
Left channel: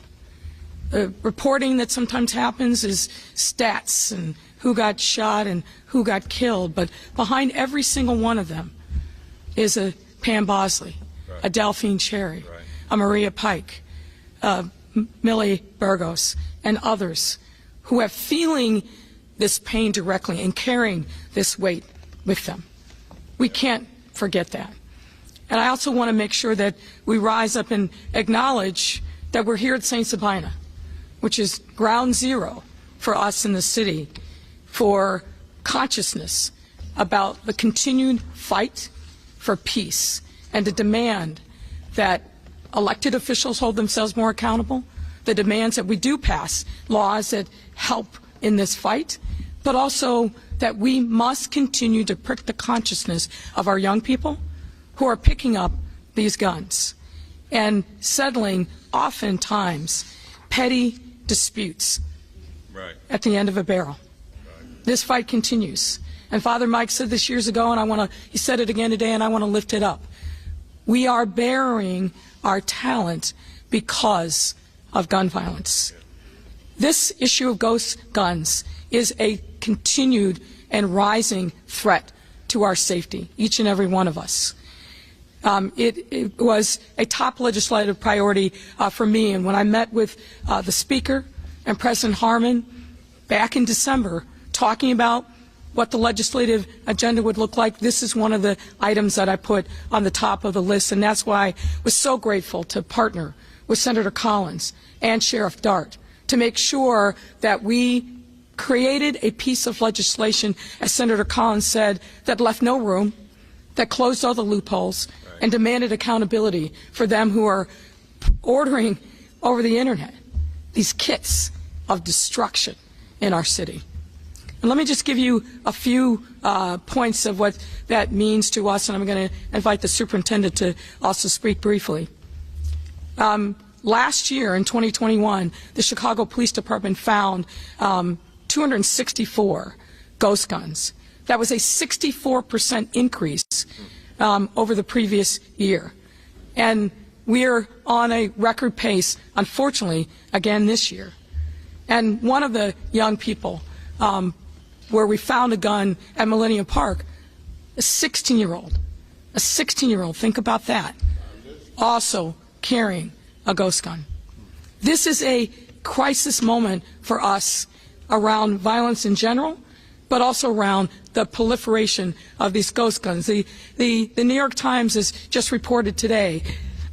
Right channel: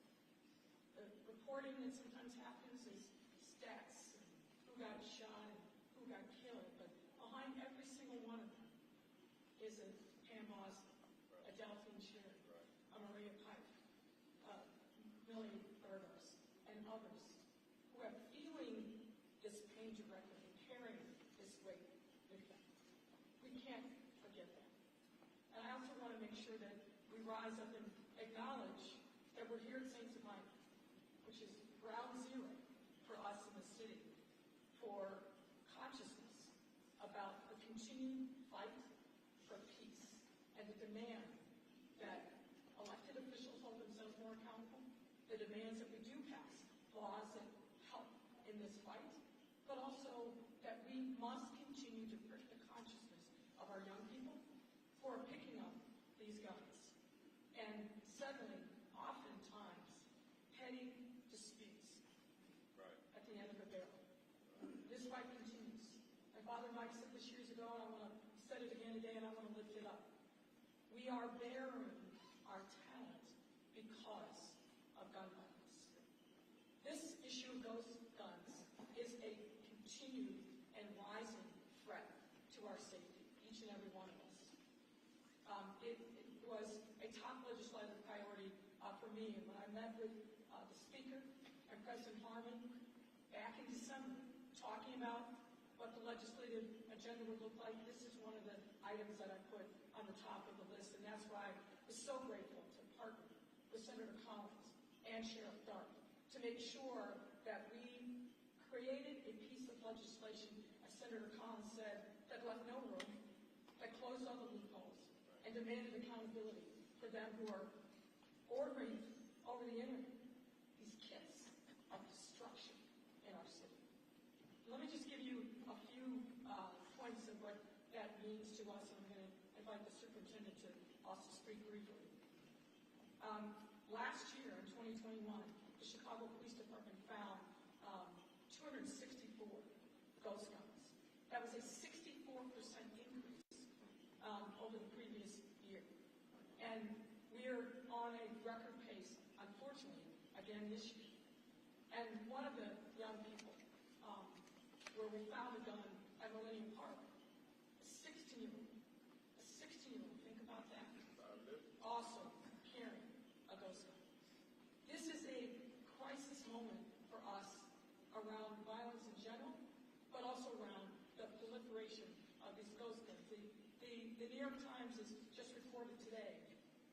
The reporting that sometimes happens is stats and who got shot and who got killed, but behind every single one of them is a Pam Bosley, a Delphine Cherry, a Maria Pike, Millie Burgos, and others who are feeling this pain directly and carrying this weight with them. We can't forget that. And I also want to make sure that we rise up and acknowledge that we're here at St. Sabina, which is ground zero for us in the city for consciousness about the continued fight for peace and to demand that elected officials hold themselves more accountable, the demands that we do pass laws that help in this fight, but also that we must continue to prick the consciousness of our young people who are picking up these guns and settling oftentimes petty disputes at the end of a barrel. This fight continues. And Father Mike said this years ago, and he said it again today, and I want to lift it up. We are burying our talent because of gun violence. This issue of ghost guns is a continued and rising threat to our safety, each and every one of us. It was a top legislative priority for me, and when I met with the Speaker and President Harmon back in December talking about what the legislative agenda would look like, this is one of the items that I put on the top of the list, and that's why I was so grateful to partner with Senator Collins and Sheriff Dart to make sure that we created a piece of legislation, as Senator Collins said, that left no room, that closed all the loopholes, and demanded accountability for them who are ordering over the internet these kits of destruction in our city. And let me just give you a few points of what that means to us, and I'm going to invite the superintendent to also speak briefly. Last year, in 2021, the Chicago Police Department found 264 ghost guns. That was a 64% increase over the previous year. And we're on a record pace, unfortunately, again this year. And one of the young people where we found a gun at Millennium Park, a 16-year-old, think about that, also carrying a ghost gun. This is a crisis moment for us around violence in general, but also around the proliferation of these ghost guns. The New York Times has just reported today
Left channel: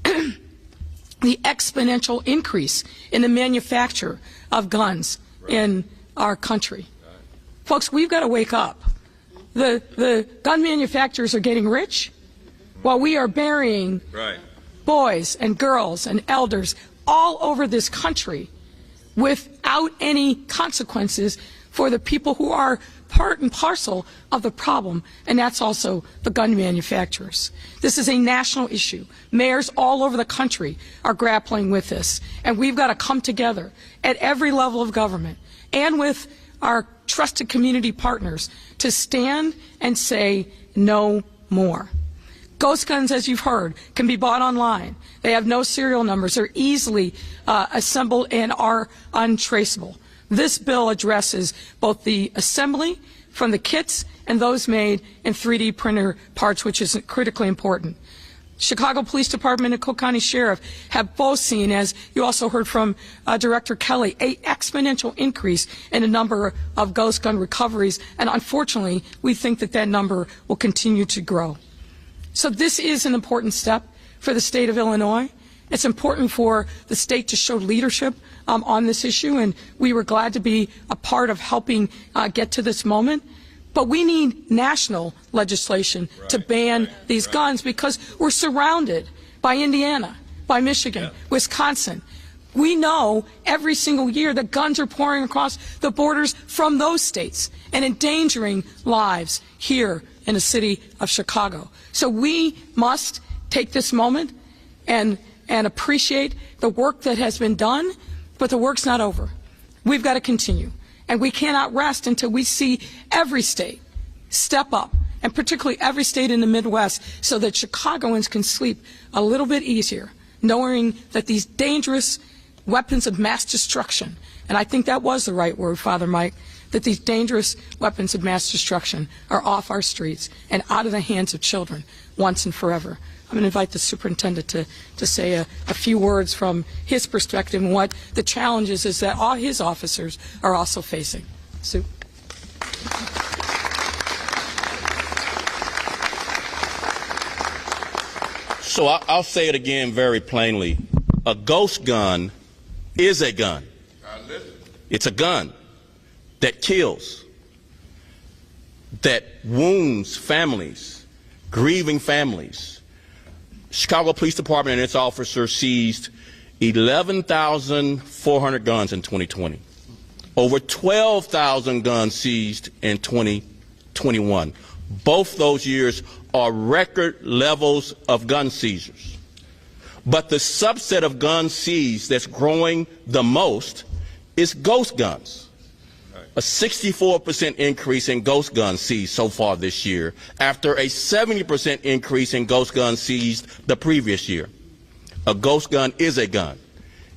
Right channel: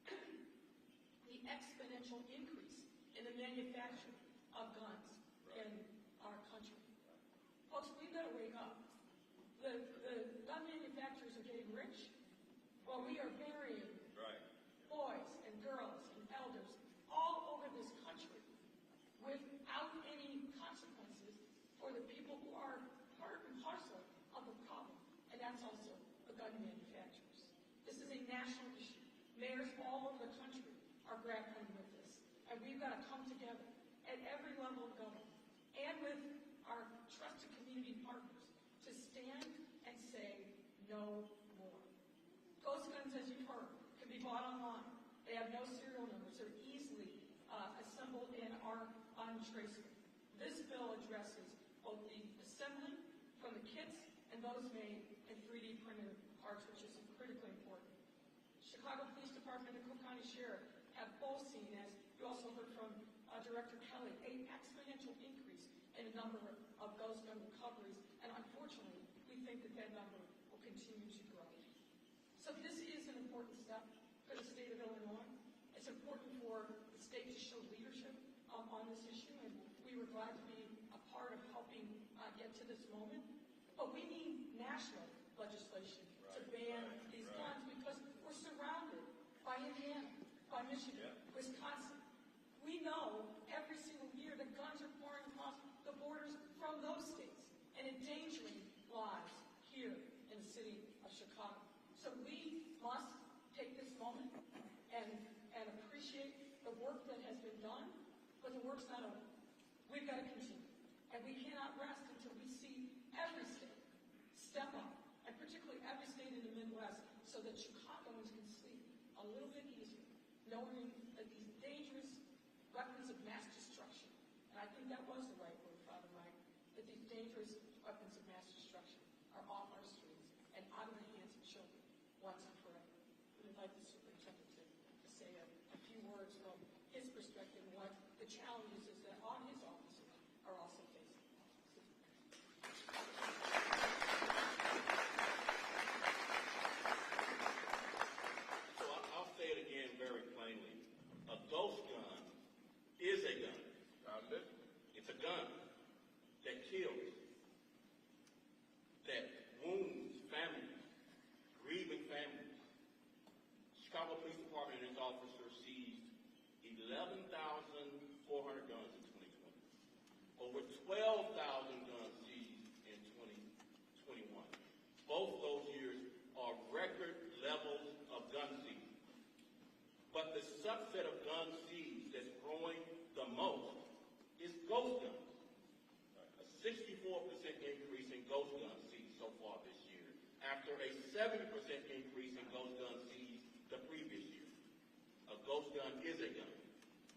the exponential increase in the manufacture of guns in our country. Folks, we've got to wake up. The gun manufacturers are getting rich while we are burying boys and girls and elders all over this country without any consequences for the people who are part and parcel of the problem, and that's also the gun manufacturers. This is a national issue. Mayors all over the country are grappling with this, and we've got to come together at every level of government and with our trusted community partners to stand and say no more. Ghost guns, as you've heard, can be bought online. They have no serial numbers. They're easily assembled and are untraceable. This bill addresses both the assembly from the kits and those made in 3D printer parts, which is critically important. Chicago Police Department and Cook County Sheriff have both seen, as you also heard from Director Kelly, an exponential increase in the number of ghost gun recoveries, and unfortunately, we think that that number will continue to grow. So this is an important step for the state of Illinois. It's important for the state to show leadership on this issue, and we were glad to be a part of helping get to this moment. But we need national legislation to ban these guns because we're surrounded by Indiana, by Michigan, Wisconsin. We know every single year that guns are pouring across the borders from those states and endangering lives here in the city of Chicago. So we must take this moment and appreciate the work that has been done, but the work's not over. We've got to continue. And we cannot rest until we see every state step up, and particularly every state in the Midwest, so that Chicagoans can sleep a little bit easier, knowing that these dangerous weapons of mass destruction, and I think that was the right word, Father Mike, that these dangerous weapons of mass destruction are off our streets and out of the hands of children once and forever. I'm going to invite the superintendent to say a few words from his perspective and what the challenges is that all his officers are also facing. Sue. So I'll say it again very plainly. A ghost gun is a gun. It's a gun that kills, that wounds families, grieving families. Chicago Police Department and its officers seized 11,400 guns in 2020. Over 12,000 guns seized in 2021. Both those years are record levels of gun seizures. But the subset of guns seized that's growing the most is ghost guns. A 64% increase in ghost guns seized so far this year, after a 70% increase in ghost guns seized the previous year. A ghost gun is a gun.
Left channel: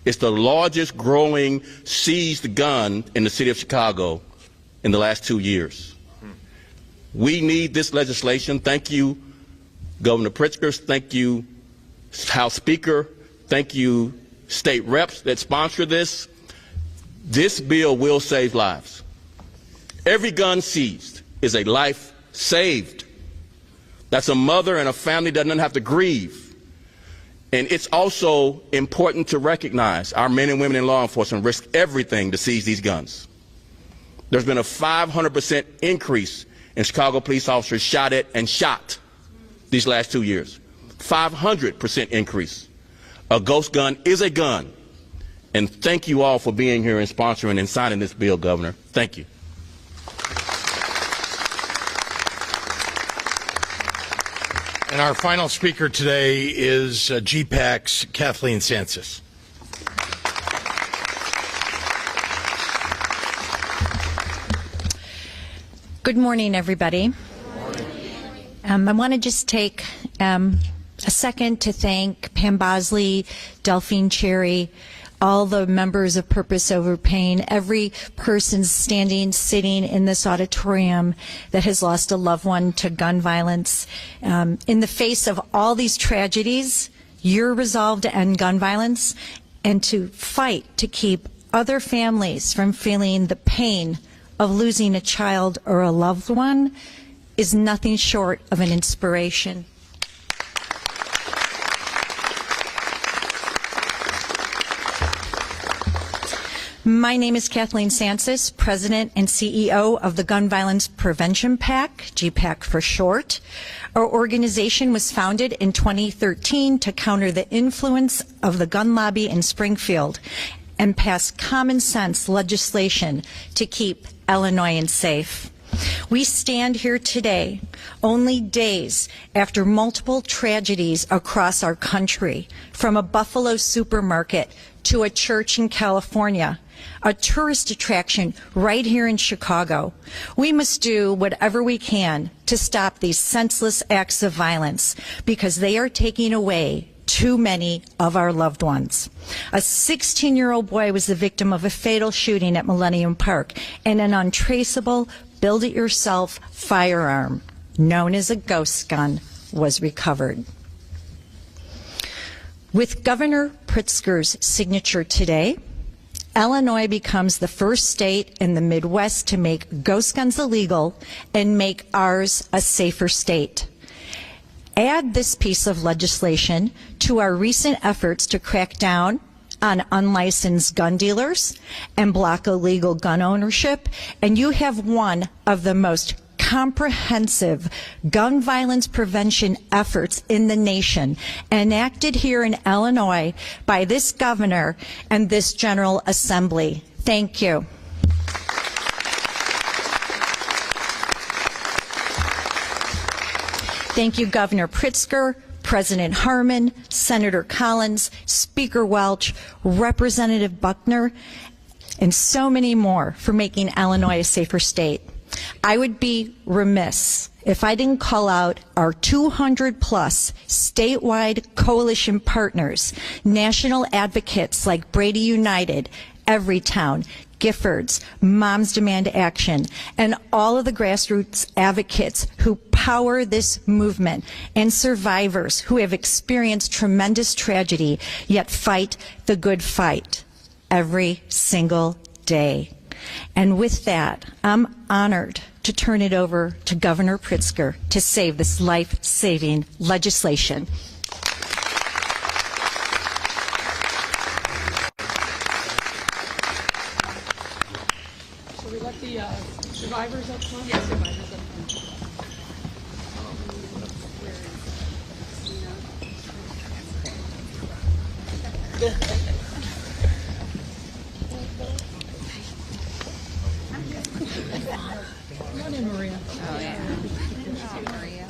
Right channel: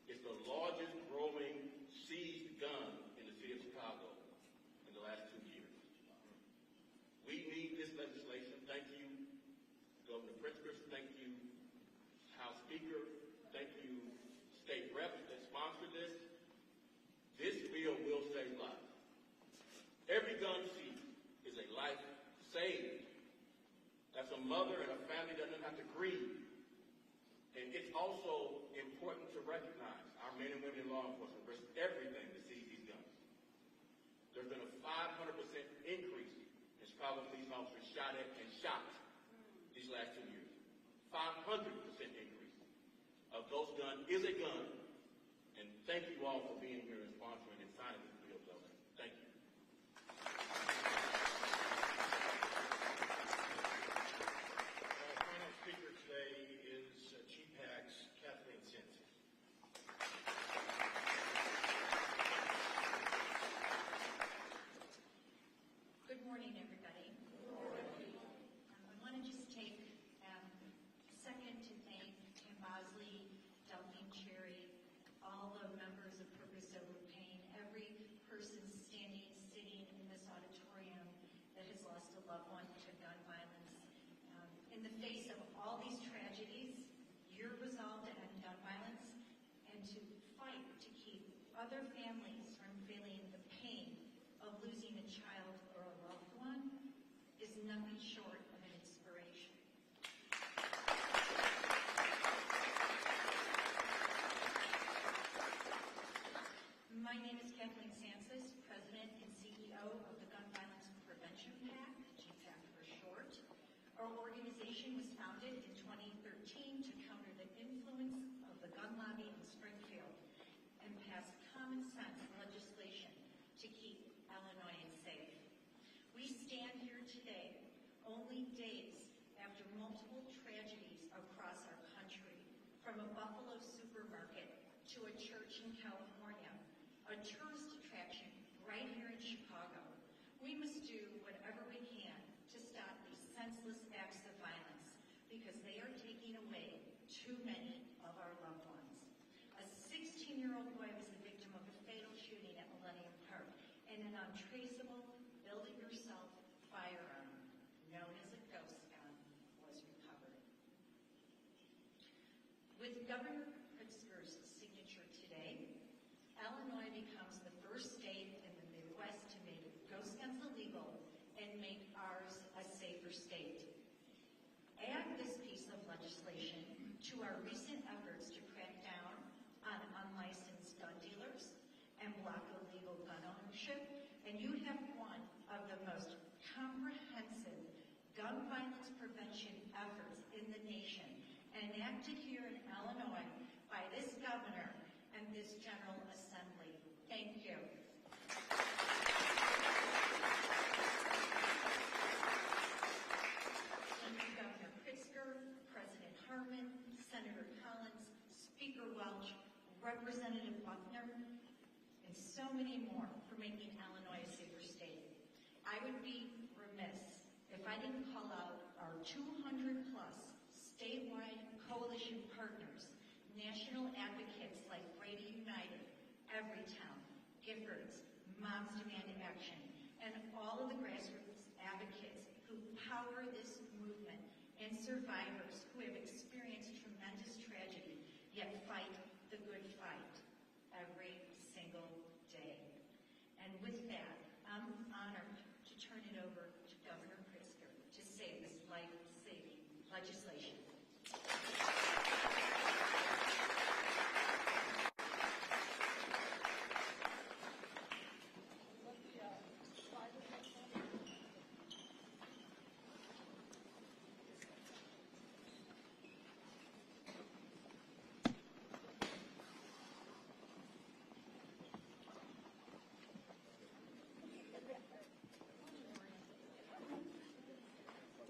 It's the largest growing seized gun in the city of Chicago in the last 2 years. We need this legislation. Thank you, Governor Pritzker. Thank you, House Speaker. Thank you, state reps that sponsor this. This bill will save lives. Every gun seized is a life saved. That's a mother and a family that doesn't have to grieve. And it's also important to recognize our men and women in law enforcement risk everything to seize these guns. There's been a 500% increase in Chicago police officers shot at and shot these last 2 years. 500% increase. A ghost gun is a gun. And thank you all for being here and sponsoring and signing this bill, Governor. Thank you. And our final speaker today is GPAC's Kathleen Sansis. Good morning, everybody. I want to just take a second to thank Pam Bosley, Delphine Cherry, all the members of Purpose Over Pain, every person sitting in this auditorium that has lost a loved one to gun violence. In the face of all these tragedies, you're resolved to end gun violence and to fight to keep other families from feeling the pain of losing a child or a loved one is nothing short of an inspiration. My name is Kathleen Sansis, President and CEO of the Gun Violence Prevention PAC, GPAC for short. Our organization was founded in 2013 to counter the influence of the gun lobby in Springfield and pass common sense legislation to keep Illinoisans safe. We stand here today, only days after multiple tragedies across our country, from a Buffalo supermarket to a church in California, a tourist attraction right here in Chicago. We must do whatever we can to stop these senseless acts of violence because they are taking away too many of our loved ones. A 16-year-old boy was the victim of a fatal shooting at Millennium Park, and an untraceable build-it-yourself firearm, known as a ghost gun, was recovered. With Governor Pritzker's signature today, Illinois becomes the first state in the Midwest to make ghost guns illegal and make ours a safer state. Add this piece of legislation to our recent efforts to crack down on unlicensed gun dealers and block illegal gun ownership, and you have one of the most comprehensive gun violence prevention efforts in the nation, enacted here in Illinois by this governor and this General Assembly. Thank you. Thank you, Governor Pritzker, President Harmon, Senator Collins, Speaker Welch, Representative Buckner, and so many more for making Illinois a safer state. I would be remiss if I didn't call out our 200-plus statewide coalition partners, national advocates like Brady United, Everytown, Giffords, Moms Demand Action, and all of the grassroots advocates who power this movement, and survivors who have experienced tremendous tragedy yet fight the good fight every single day. And with that, I'm honored to turn it over to Governor Pritzker to save this life-saving legislation. Shall we let the survivors up front? Yes, survivors up front. Come on in, Maria. Oh, yeah. Maria.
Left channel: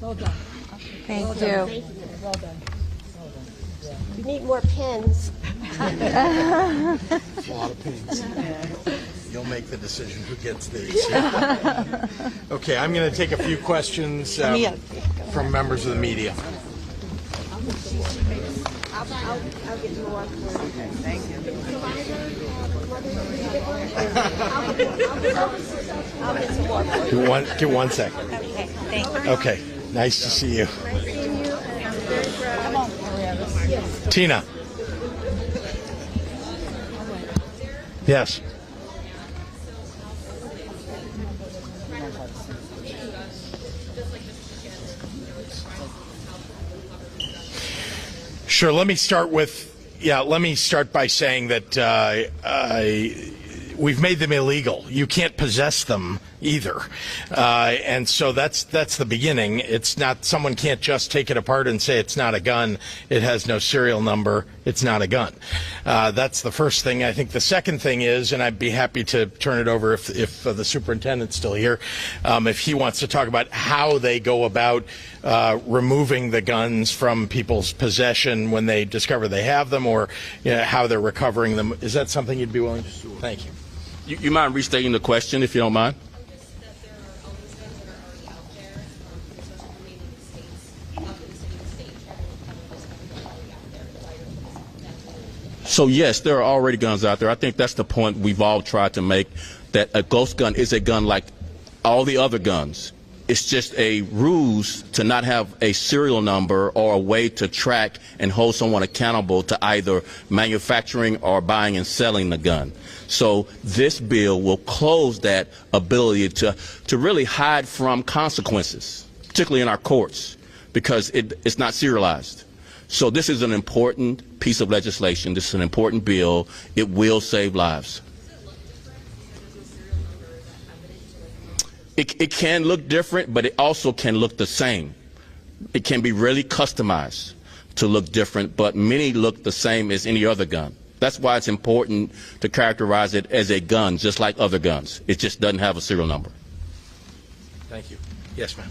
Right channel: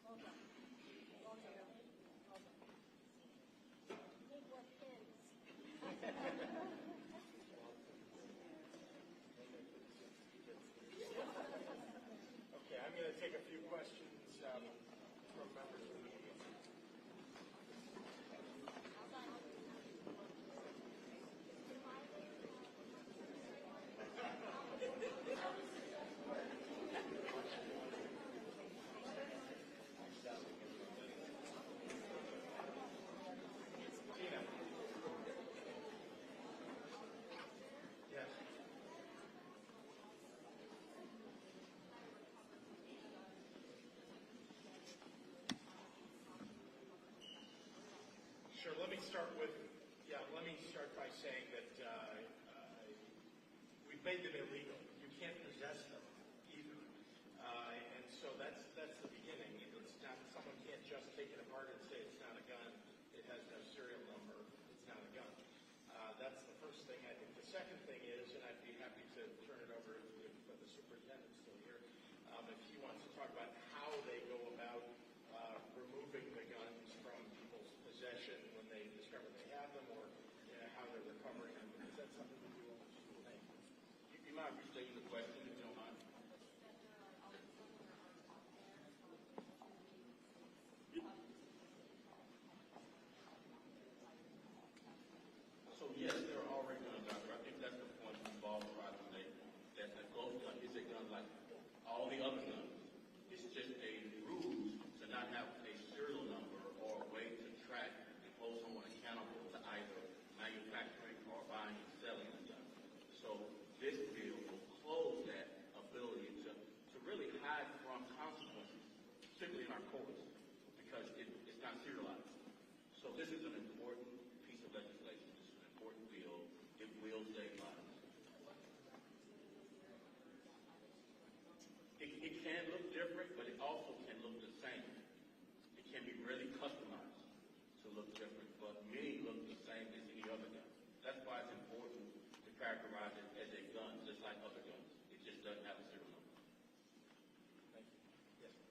Well done. Thank Well you. done. Well done. You need more pens. A lot of pins. You'll make the decision who gets these. Okay, I'm going to take a few questions from members of the media. I'll get more. Thank you. Give one second. Okay, thank you. Okay, nice to see you. Tina. Yes. Sure. Let me start by saying that we've made them illegal. You can't possess them either, and so that's the beginning. It's not, someone can't just take it apart and say it's not a gun, it has no serial number, it's not a gun. That's the first thing. I think the second thing is, and I'd be happy to turn it over if the superintendent's still here, if he wants to talk about how they go about removing the guns from people's possession when they discover they have them, or how they're recovering them. Is that something you'd be willing to do? Thank you. You mind restating the question, if you don't mind? So yes, there are already guns out there. I think that's the point we've all tried to make, that a ghost gun is a gun like all the other guns. It's just a ruse to not have a serial number or a way to track and hold someone accountable to either manufacturing or buying and selling the gun. So this bill will close that ability to really hide from consequences, particularly in our courts, because it's not serialized. So this is an important piece of legislation. This is an important bill. It will save lives. It can look different, but it also can look the same. It can be really customized to look different, but many look the same as any other gun. That's why it's important to characterize it as a gun, just like other guns. It just doesn't have a serial number. Thank you. Yes, ma'am.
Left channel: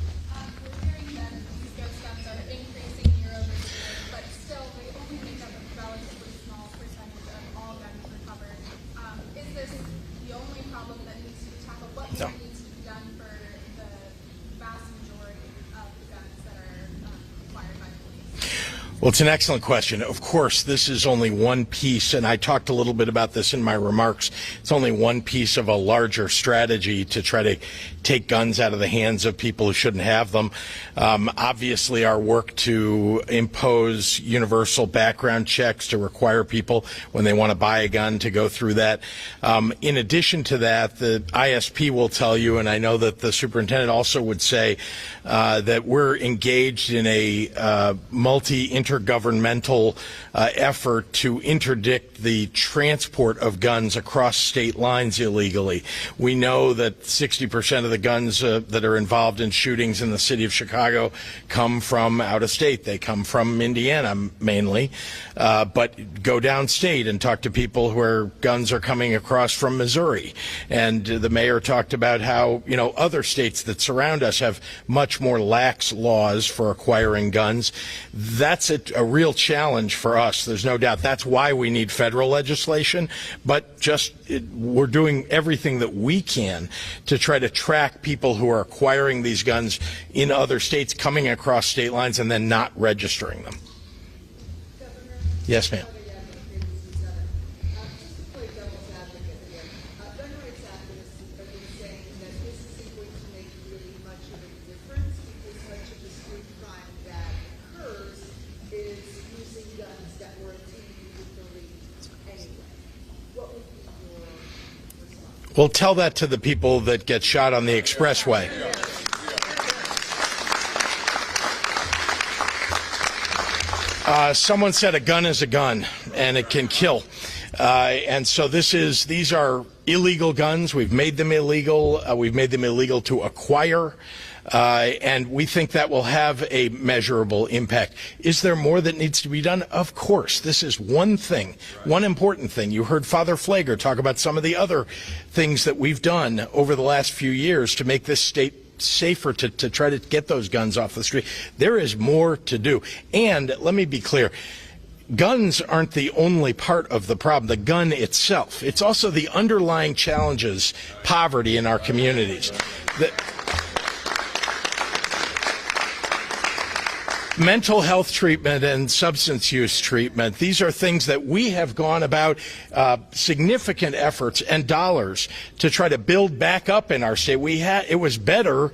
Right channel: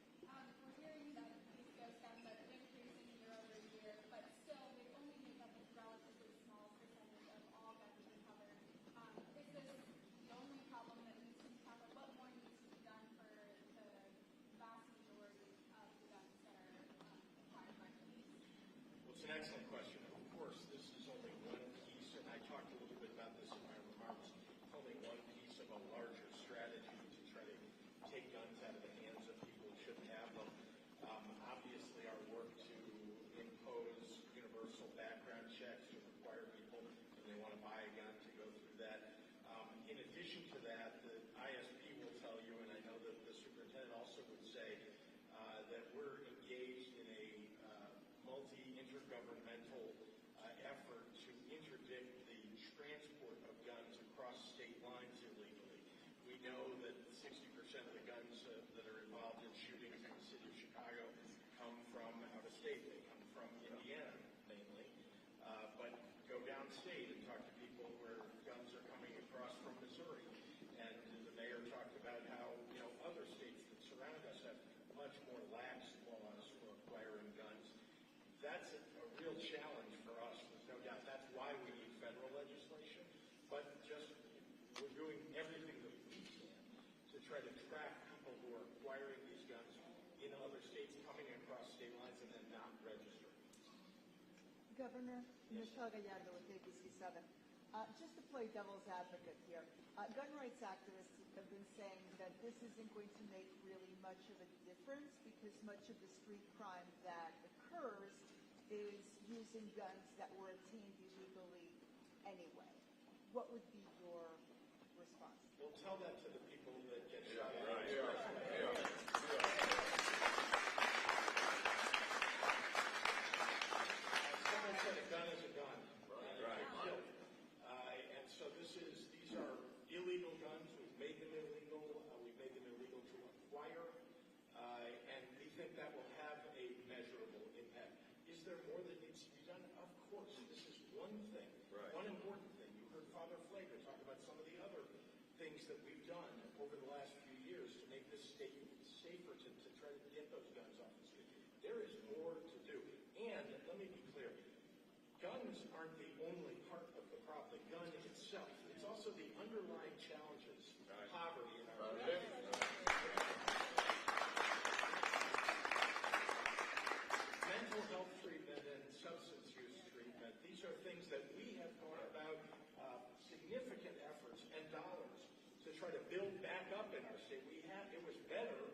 We're hearing that these ghost guns are increasing year over year, but still they only make up about Well, it's an excellent question. Of course, this is only one piece, and I talked a little bit about this in my remarks. It's only one piece of a larger strategy to try to take guns out of the hands of people who shouldn't have them. Obviously, our work to impose universal background checks to require people when they want to buy a gun to go through that. In addition to that, the ISP will tell you, and I know that the superintendent also would say, that we're engaged in a multi-intergovernmental effort to interdict the transport of guns across state lines illegally. We know that 60% of the guns that are involved in shootings in the city of Chicago come from out of state. They come from Indiana mainly, but go downstate and talk to people where guns are coming across from Missouri. And the mayor talked about how, you know, other states that surround us have much more lax laws for acquiring guns. That's a real challenge for us. There's no doubt. That's why we need federal legislation, but we're doing everything that we can to try to track people who are acquiring these guns in other states, coming across state lines, and then not registering them. Yes, ma'am. Well, tell that to the people that get shot on the expressway. Someone said a gun is a gun, and it can kill. And so these are illegal guns. We've made them illegal. We've made them illegal to acquire. And we think that will have a measurable impact. Is there more that needs to be done? Of course. This is one thing, one important thing. You heard Father Flager talk about some of the other things that we've done over the last few years to make this state safer to try to get those guns off the street. There is more to do. And let me be clear. Guns aren't the only part of the problem, the gun itself. It's also the underlying challenges, poverty in our communities. Mental health treatment and substance use treatment, these are things that we have gone about significant efforts and dollars to try to build back up in our state. It was better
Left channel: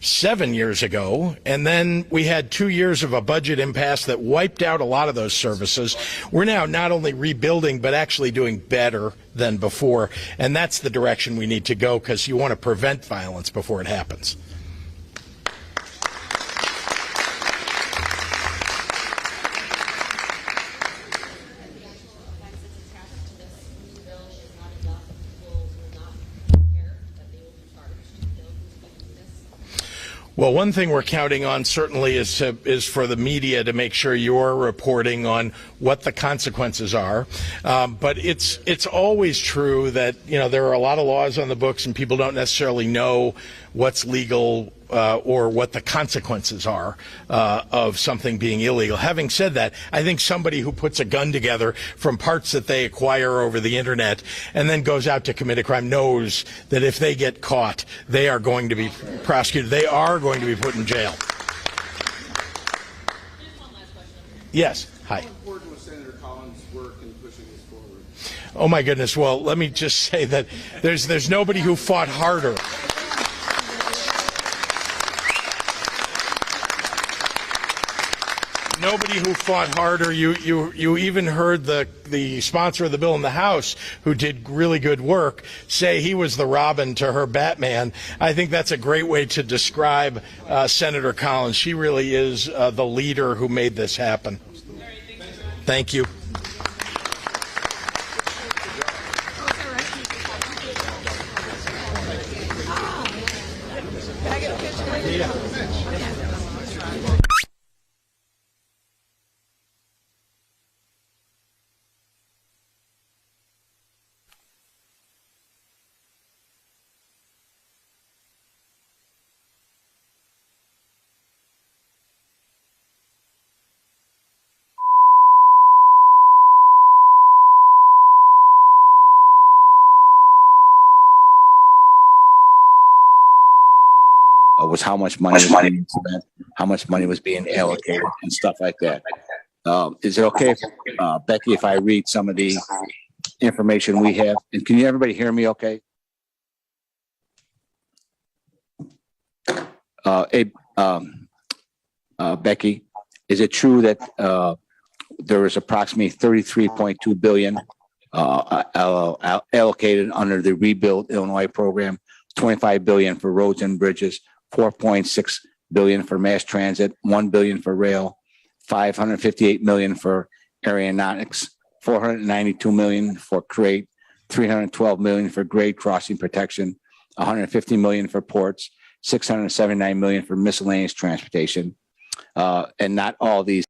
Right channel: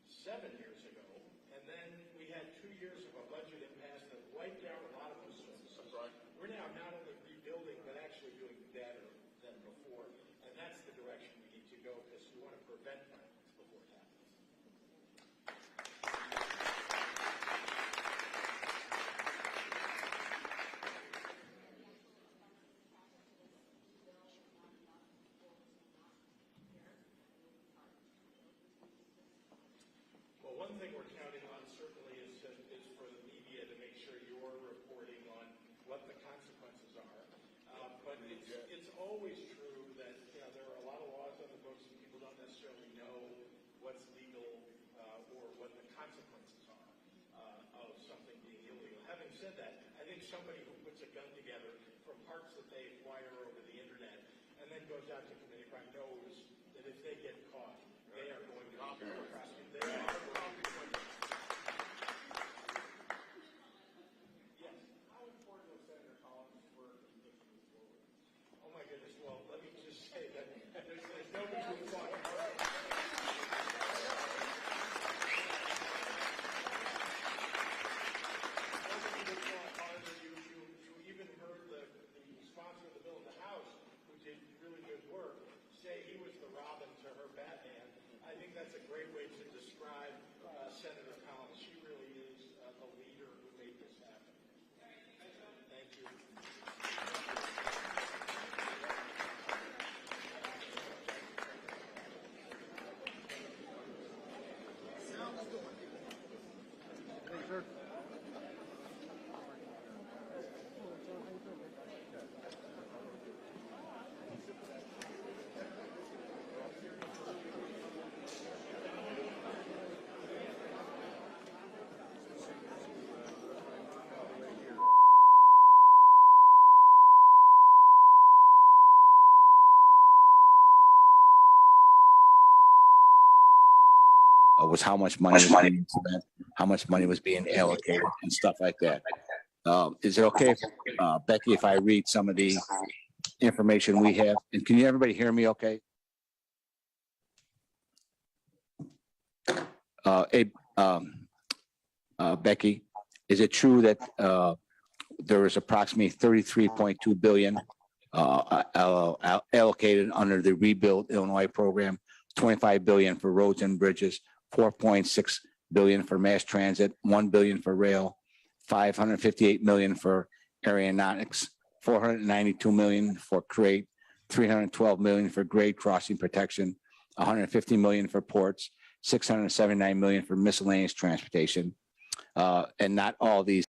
7 years ago, and then we had 2 years of a budget impasse that wiped out a lot of those services. We're now not only rebuilding, but actually doing better than before, and that's the direction we need to go, because you want to prevent violence before it happens. Well, one thing we're counting on certainly is for the media to make sure you're reporting on what the consequences are. But it's always true that, you know, there are a lot of laws on the books and people don't necessarily know what's legal or what the consequences are of something being illegal. Having said that, I think somebody who puts a gun together from parts that they acquire over the internet and then goes out to commit a crime knows that if they get caught, they are going to be prosecuted. They are going to be put in jail. Yes. Hi. How important was Senator Collins' work in pushing this forward? Oh my goodness. Well, let me just say that there's nobody who fought harder. Nobody who fought harder. You even heard the sponsor of the bill in the House, who did really good work, say he was the Robin to her Batman. I think that's a great way to describe Senator Collins. She really is the leader who made this happen. Thank you. Was how much money was being spent, how much money was being allocated, and stuff like that. Is it okay, Becky, if I read some of the information we have? And can everybody hear me okay? Becky, is it true that there is approximately $33.2 billion allocated under the Rebuild Illinois program, $25 billion for roads and bridges, $4.6 billion for mass transit, $1 billion for rail, $558 million for aeronautics, $492 million for CRATE, $312 million for grade crossing protection, $150 million for ports, $679 million for miscellaneous transportation. And not all these